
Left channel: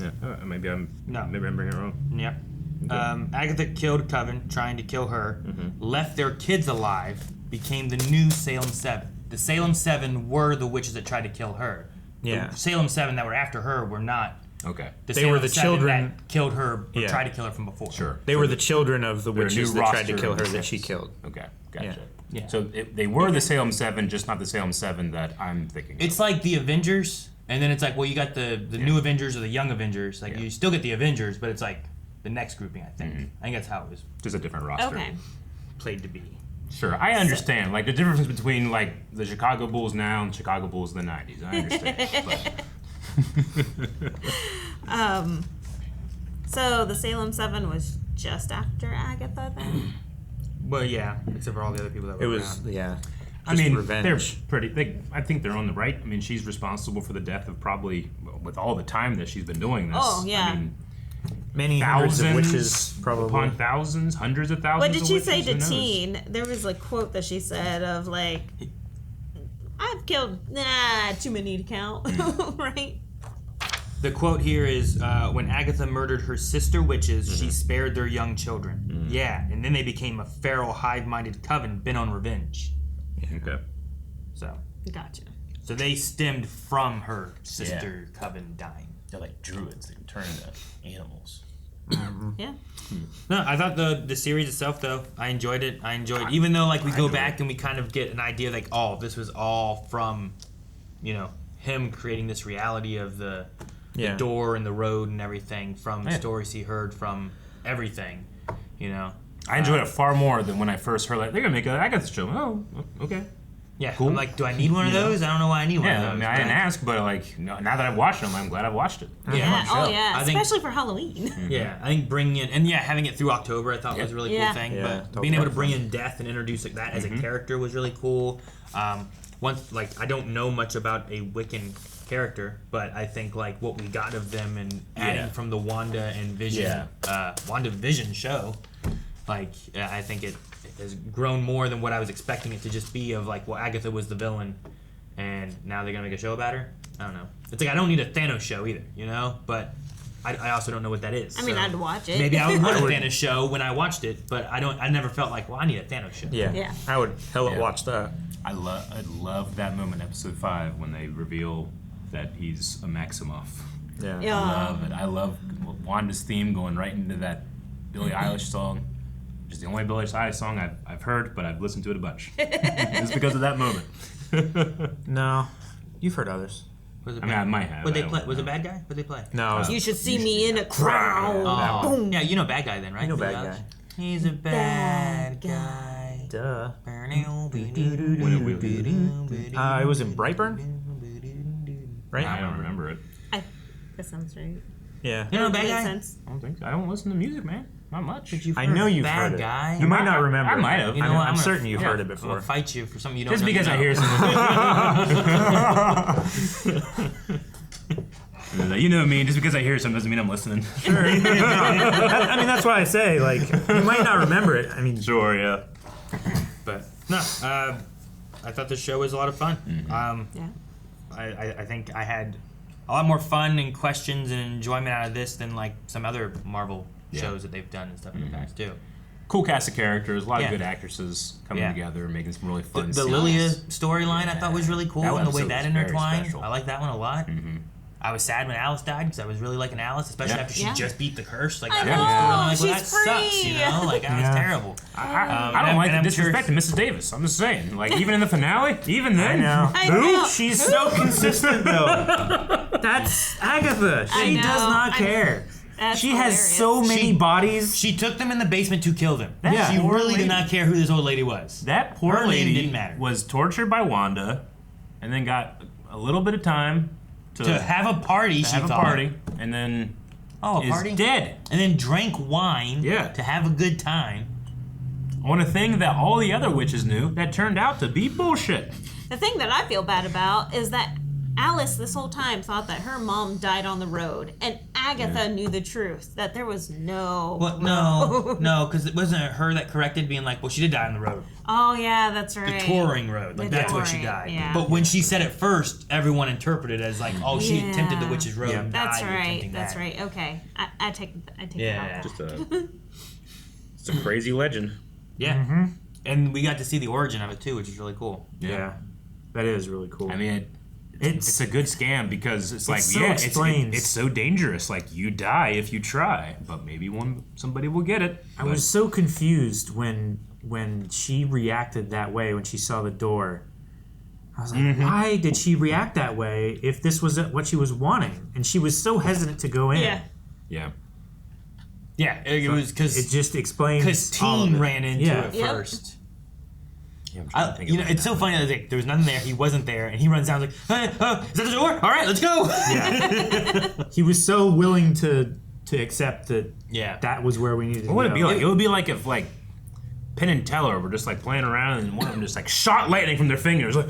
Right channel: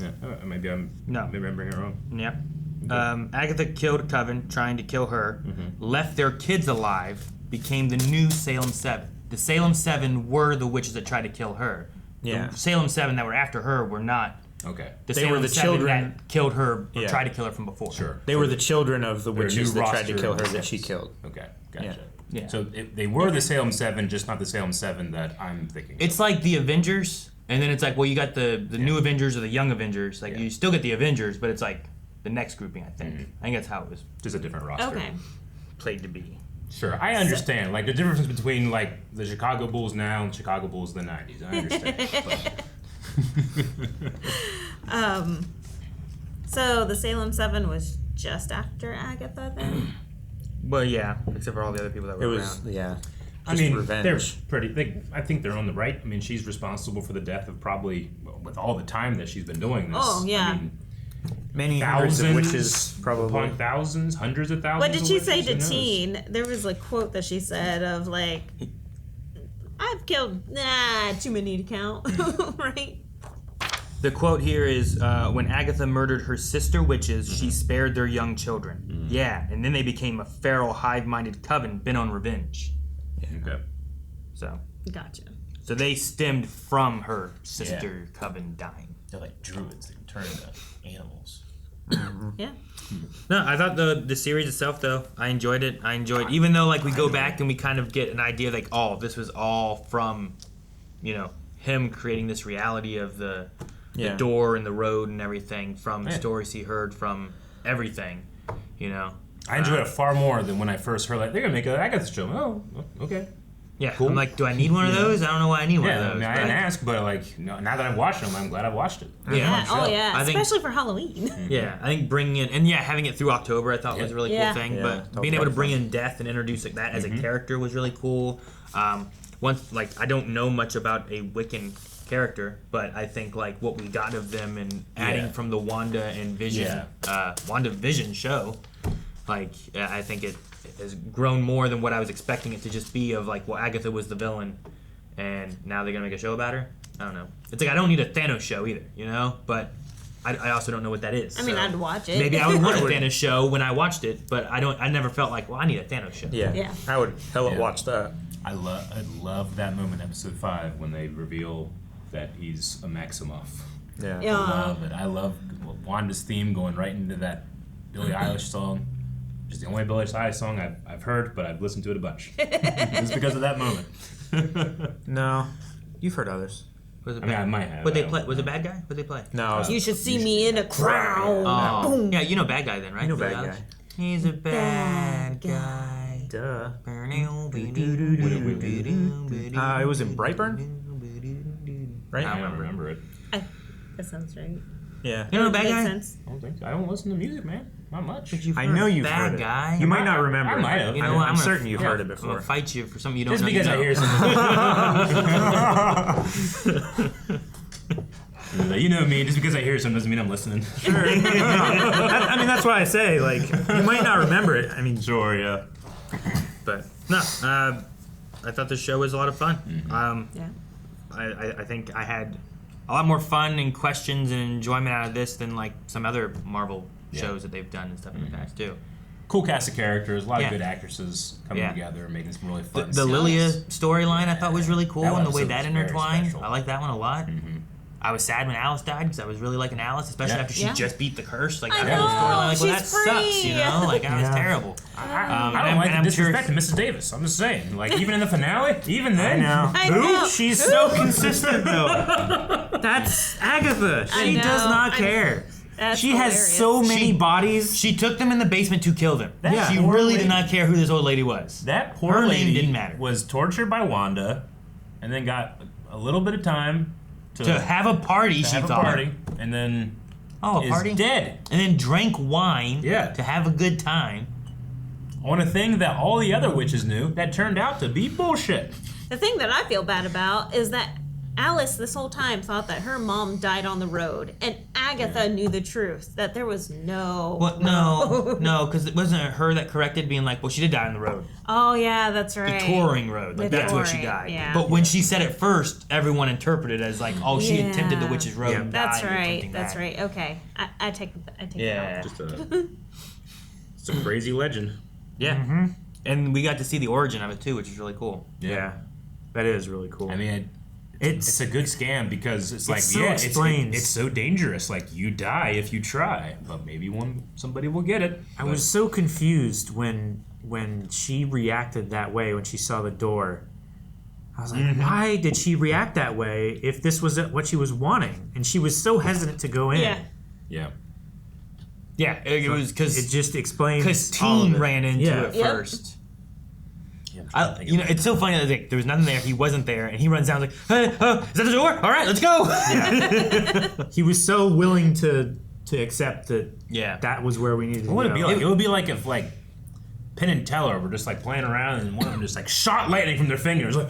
Yeah, maybe I'm bringing it wrong. Yep. Okay. Agatha killed Coven, trying to kill her, Mm-hmm. left their kids alive, became the new Salem Seven. The Salem Seven were the witches that tried to kill her. Yeah. The Salem Seven that were after her were not. Okay. The They Salem were the Seven children that killed her or Yeah. tried to kill her from before. Sure. They were the children of the They're a witches new that tried to roster kill of her the that she Sevens. killed. Okay, gotcha. Yeah. So they were the Salem 7, just not the Salem 7 that I'm thinking of. It's like the Avengers, and then it's like, well, you got the new Avengers or the young Avengers. Like, you still get the Avengers, but it's like the next grouping, I think. I think that's how it was Just a different roster. Okay. played to be. Sure, I understand. Like the difference between like the Chicago Bulls now and Chicago Bulls in the 90s. I understand. but. So the Salem 7 was just after Agatha then? Well, yeah, except for all the other people that were It was, around. yeah. I mean, revenge. they're pretty. I think they're on the right. I mean, she's responsible for the death of probably with all the time that she's been doing this. Oh, yeah. I mean, Many hundreds of thousands witches, probably. upon thousands, hundreds of thousands. What did of she witches, say who to knows? Teen? There was a quote that she said of like, I've killed too many to count, right? The quote here is, when Agatha murdered her sister witches, she spared their young children. Yeah, and then they became a feral, hive-minded coven bent on revenge. Okay. So. Gotcha. So they stemmed from her sister coven dying. They're like druids. They turn into animals. Yeah. No, I thought the series itself, though, I enjoyed it. Even though, like, we go back and we kind of get an idea, like, oh, this was all from, him creating this reality of the door and the road and everything from stories he heard from everything, I enjoyed it far more than when I first heard, like, they're going to make an Agatha show. Oh, okay. Yeah, Cool. I'm like, do I need one of those? I don't know why I need one of those. I mean, I didn't ask, but, like, now that I've watched them, I'm glad I've watched it. Yeah. Oh, Show. yeah. I think- Especially for Halloween. Yeah, I think bringing in, and having it through October I thought was a really Yeah. cool thing. Yeah, But that being was able to fun. bring in death and introduce like that as a character was really cool. Once, like, I don't know much about a Wiccan character, but I think like what we got of them and adding from the Wanda and Vision, Wanda Vision show, like I think it has grown more than what I was expecting it to just be. Of like, well, Agatha was the villain, and now they're gonna make a show about her. I don't know. It's like I don't need a Thanos show either, but I also don't know what that is. I mean, I'd watch it. Maybe I would want a Thanos show when I watched it, but I never felt like, well, I need a Thanos show. Yeah. I would hella watch that. I love that moment in episode 5 when they reveal that he's a Maximoff. Yeah. Yeah. I love it. I love Wanda's theme going right into that Billie Eilish song. Just the only Billie Eilish song I've heard, but I've listened to it a bunch. It's because of that moment. No, you've heard others. Was it I mean, I might have. What I they don't play? know. Was it Bad Guy? What they play? No, You should see me in a crowd. Oh, yeah, you know Bad Guy then, right? you know Billie Bad Eilish? Guy. He's a bad guy. Duh. It It was in Brightburn, right? I don't remember it. That sounds right. Yeah. You know Bad Makes Guy? sense. I don't think. I don't listen to music, man. Not much. I know you've Bad heard Guy? it. You might not remember. I might have. it. You know I'm, what, I'm I'm certain you've yeah. heard it I'm gonna before. fight you for something you don't Just know. because you I know. hear something. You know me. Just because I hear something doesn't mean I'm listening. Sure. I mean, that's why I say, like, you might not remember it. I mean, Sure. Yeah. But no, I thought the show was a lot of fun. Yeah. I think I had a lot more fun and questions and enjoyment out of this than like some other Marvel shows that they've done and stuff in the past too. cool cast of characters, a lot of good actresses coming together, making some really fun. The Lilia storyline I thought was really cool, and the way that intertwined. I like that one a lot. Mm-hmm. I was sad when Alice died because I was really liking Alice, especially after she just beat the curse. Like, I was know, really like, well, that she's sucks, you know? Like, that was terrible. I don't like the disrespect to Mrs. Davis. I'm just saying. Like, even in the finale, even then. I know. She's so consistent, though. That's Agatha. She does not care. She has so many bodies. She took them in the basement to kill them. That She really did not care who this old lady was. That poor Her lady name didn't matter. was tortured by Wanda, and then got a little bit of time to have a party. And then a is party? dead. And then drank wine to have a good time. On a thing that all the other witches knew that turned out to be bullshit. The thing that I feel bad about is that Alice this whole time thought that her mom died on the road, and Agatha knew the truth, that there was no No, because it wasn't her that corrected, being like, well, she did die on the road. Oh yeah, that's right. The touring road. Like, that's where she died. Yeah. But when she said it first, everyone interpreted it as like, oh, she attempted the witch's road and died. That's right. That's right. Okay. I take it out. It's a crazy legend. Yeah. Mm-hmm. And we got to see the origin of it too, which is really cool. Yeah. That is really cool. I mean, it's a good scam because it's like, it's so dangerous. Like, you die if you try, but maybe somebody will get it. I was so confused when she reacted that way when she saw the door. I was like, why did she react that way if this was what she was wanting? And she was so hesitant to go in. Yeah. Yeah, it was because it just explains. Because Teen ran into it first. Yeah, it's so funny that like, there was nothing there. He wasn't there, and he runs down like, "Hey, is that the door? All right, let's go." Yeah, he was so willing to accept that. Yeah, that was where we needed to go. What would it be like? It would be like if like Penn and Teller were just like playing around, and one of them just like shot lightning from their fingers. Like,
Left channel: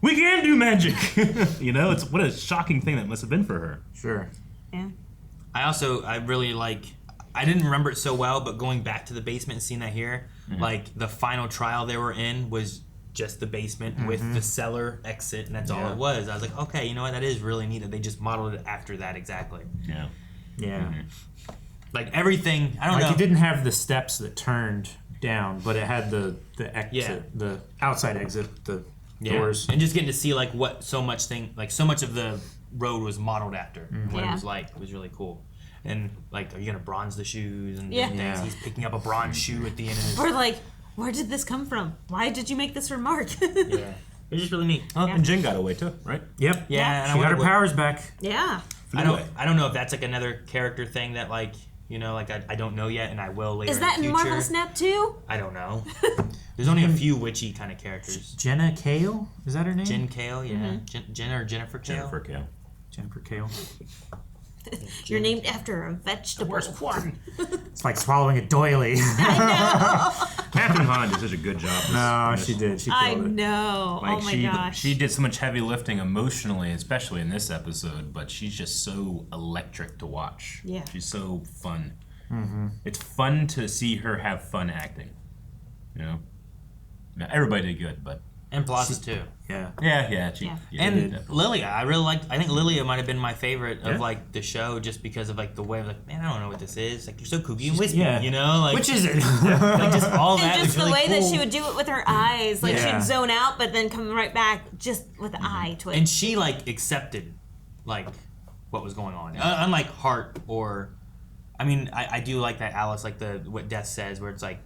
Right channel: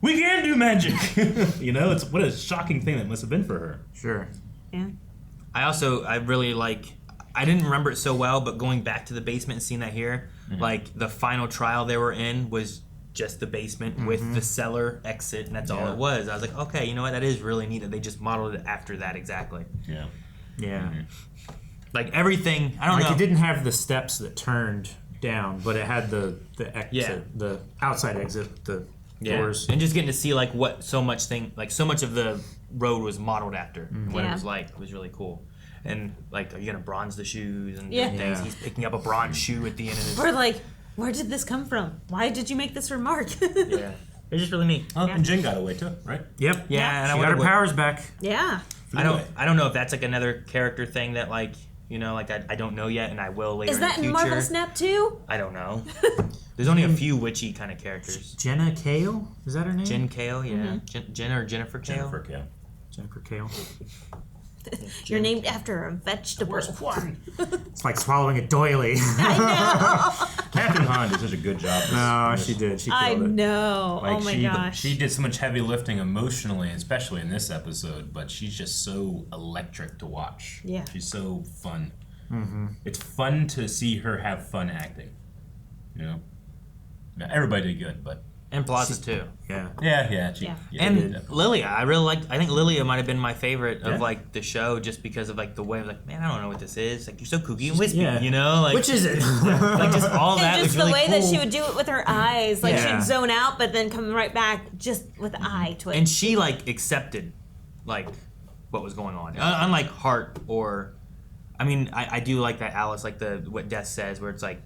we can do magic. It's what a shocking thing that must have been for her. Sure. Yeah. I really like. I didn't remember it so well, but going back to the basement and seeing that here, like the final trial they were in was just the basement with the cellar exit, and that's all it was. I was like, okay, you know what? That is really neat that they just modeled it after that exactly. Yeah. Yeah. Like everything, I don't know. Like it didn't have the steps that turned down, but it had the exit, the outside exit, the doors, and just getting to see like what so much of the road was modeled after, what it was like. It was really cool. And like, are you gonna bronze the shoes and things? He's picking up a bronze shoe at the end of his... Or like, where did this come from? Why did you make this remark? Yeah, it's just really neat. And Jen got away too, right? Yep. Yeah, she got her powers back. Yeah. I don't know if that's like another character thing that like, like I don't know yet, and I will later. Is that in the in future. Marvel Snap too? I don't know. There's only a few witchy kind of characters. Jenna Kale? Is that her name? Jen Kale, yeah. Jen or Jennifer Kale? Jennifer Kale. You're named after a vegetable. It's like swallowing a doily. Catherine Hahn did such a good job. No, she did. She killed it. I know. Like oh my gosh. She did so much heavy lifting emotionally, especially in this episode, but she's just so electric to watch. Yeah. She's so fun. It's fun to see her have fun acting. Now, everybody did good, but... And Plaza too. Yeah. And Lilia, I think Lilia might have been my favorite of like the show, just because of like the way of like, man, I don't know what this is. Like, you're so kooky and wispy, like, which is it? Like just all that. And just was really the way cool. that she would do it with her eyes, like she'd zone out, but then come right back just with the eye twitch. And she like accepted like what was going on, unlike Hart or, I mean, I do like that Alice, like what Death says, where it's like,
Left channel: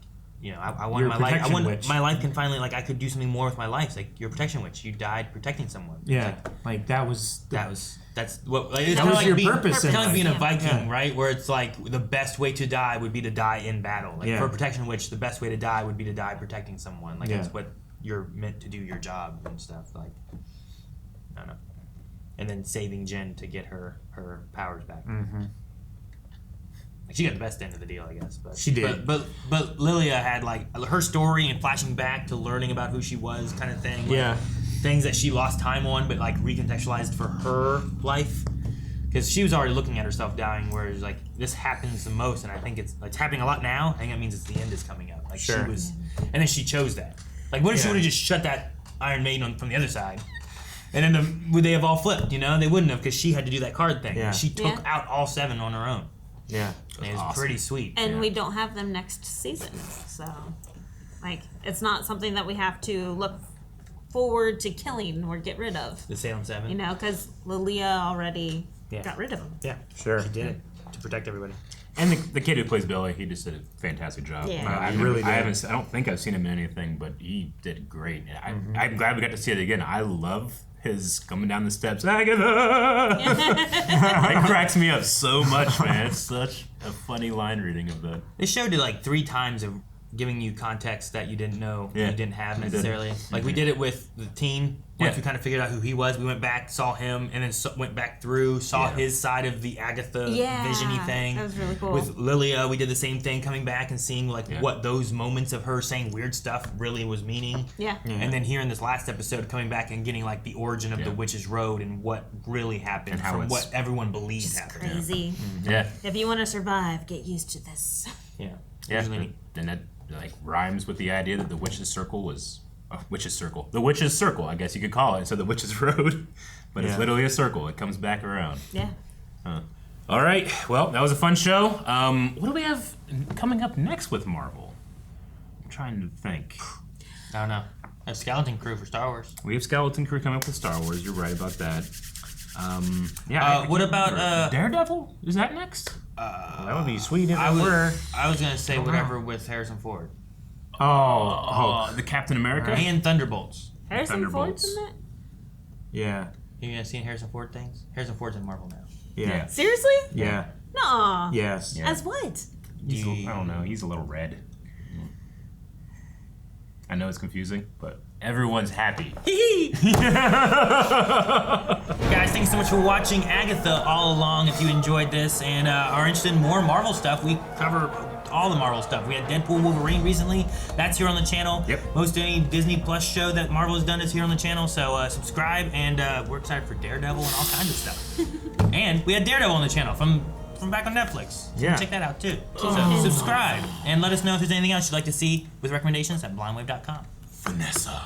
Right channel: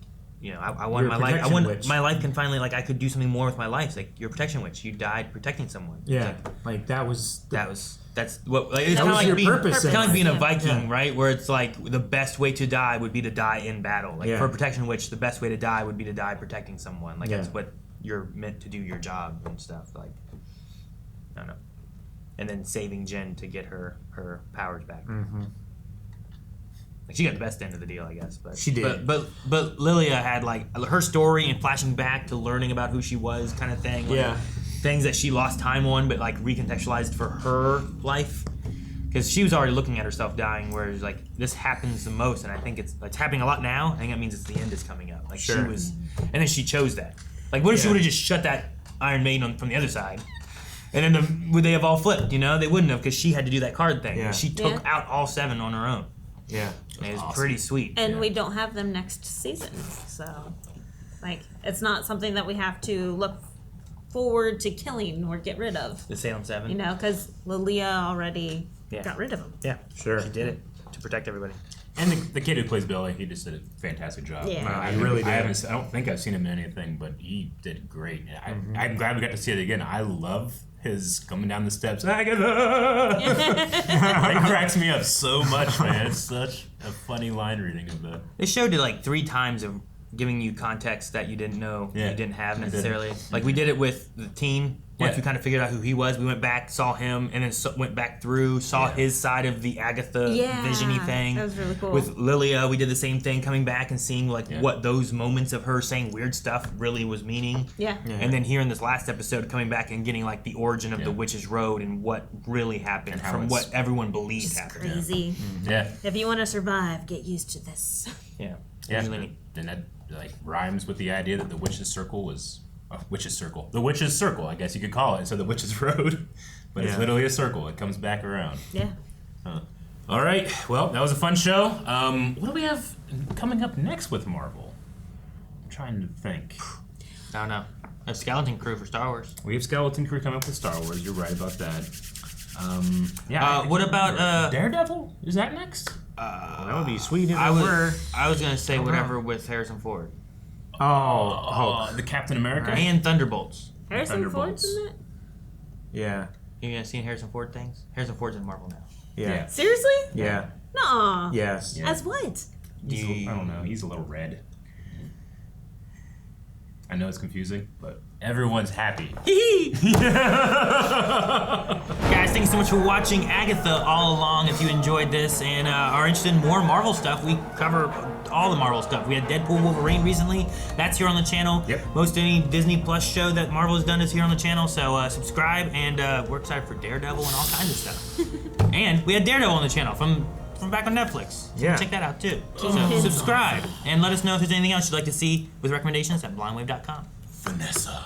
I want my life. My life can finally, like, I could do something more with my life. It's like, you're a protection witch. You died protecting someone. Yeah, like that was. That's what. Like, it's that was like your purpose. Kind of like being a Viking, right? Where it's like the best way to die would be to die in battle. Like for a protection witch, the best way to die would be to die protecting someone. Like that's what you're meant to do, your job and stuff. Like, I don't know. And then saving Jen to get her powers back. She got the best end of the deal, I guess. But she did. But Lilia had like her story and flashing back to learning about who she was, kind of thing. Like, things that she lost time on, but like recontextualized for her life, because she was already looking at herself dying. Whereas like this happens the most, and I think it's happening a lot now. I think that means it's the end is coming up. Like she was, and then she chose that. Like what if she would have just shut that Iron Maiden from the other side? And then would they have all flipped? They wouldn't have, because she had to do that card thing. She took out all 7 on her own. Yeah. And it's awesome. pretty sweet. And we don't have them next season, so like it's not something that we have to look forward to killing or get rid of. The Salem Seven. You know, because Lilia already Yeah. got rid of them. Yeah. Sure. She did it to protect everybody. And the kid who plays Billy, he just did a fantastic job. Yeah. Wow, he really did. I don't think I've seen him in anything, but he did great. I'm glad we got to see it again. I love his coming down the steps, Agatha! That cracks me up so much, man. It's such a funny line reading of the... They showed it like 3 times of giving you context that you didn't know you didn't have necessarily. Like we did it with the team. Once we kind of figured out who he was, we went back, saw him, and then went back through, saw his side of the Agatha vision-y thing. That was really cool. With Lilia, we did the same thing, coming back and seeing like what those moments of her saying weird stuff really was meaning. Yeah. And then here in this last episode, coming back and getting like the origin of the Witch's Road and what really happened And how from it's what everyone believed happened. Crazy. Yeah. If you want to survive, get used to this. Yeah. Yeah, and that like rhymes with the idea that the witch's circle was witch's circle. The witch's circle, I guess you could call it, instead of the witch's road. But it's literally a circle. It comes back around. Yeah. All right. Well, that was a fun show. What do we have coming up next with Marvel? I'm trying to think. I don't know. A Skeleton Crew for Star Wars. We have Skeleton Crew coming up with Star Wars. You're right about that. What about Daredevil? Is that next? Well, that would be sweet if I it was, were. I was gonna say whatever with Harrison Ford The Captain America? and Thunderbolts. Harrison Ford's in that? Yeah. You guys seen Harrison Ford things? Harrison Ford's in Marvel now. Yeah. Seriously? Yeah. No. Yes. As what? I don't know. He's a little red. I know it's confusing, but everyone's happy. Guys, thanks so much for watching Agatha All Along. If you enjoyed this and are interested in more Marvel stuff, we cover all the Marvel stuff. We had Deadpool Wolverine recently. That's here on the channel. Yep. Most any Disney Plus show that Marvel has done is here on the channel. So subscribe, and we're excited for Daredevil and all kinds of stuff. And we had Daredevil on the channel from back on Netflix. So Yeah. check that out too. So subscribe and let us know if there's anything else you'd like to see with recommendations at blindwave.com. Vanessa.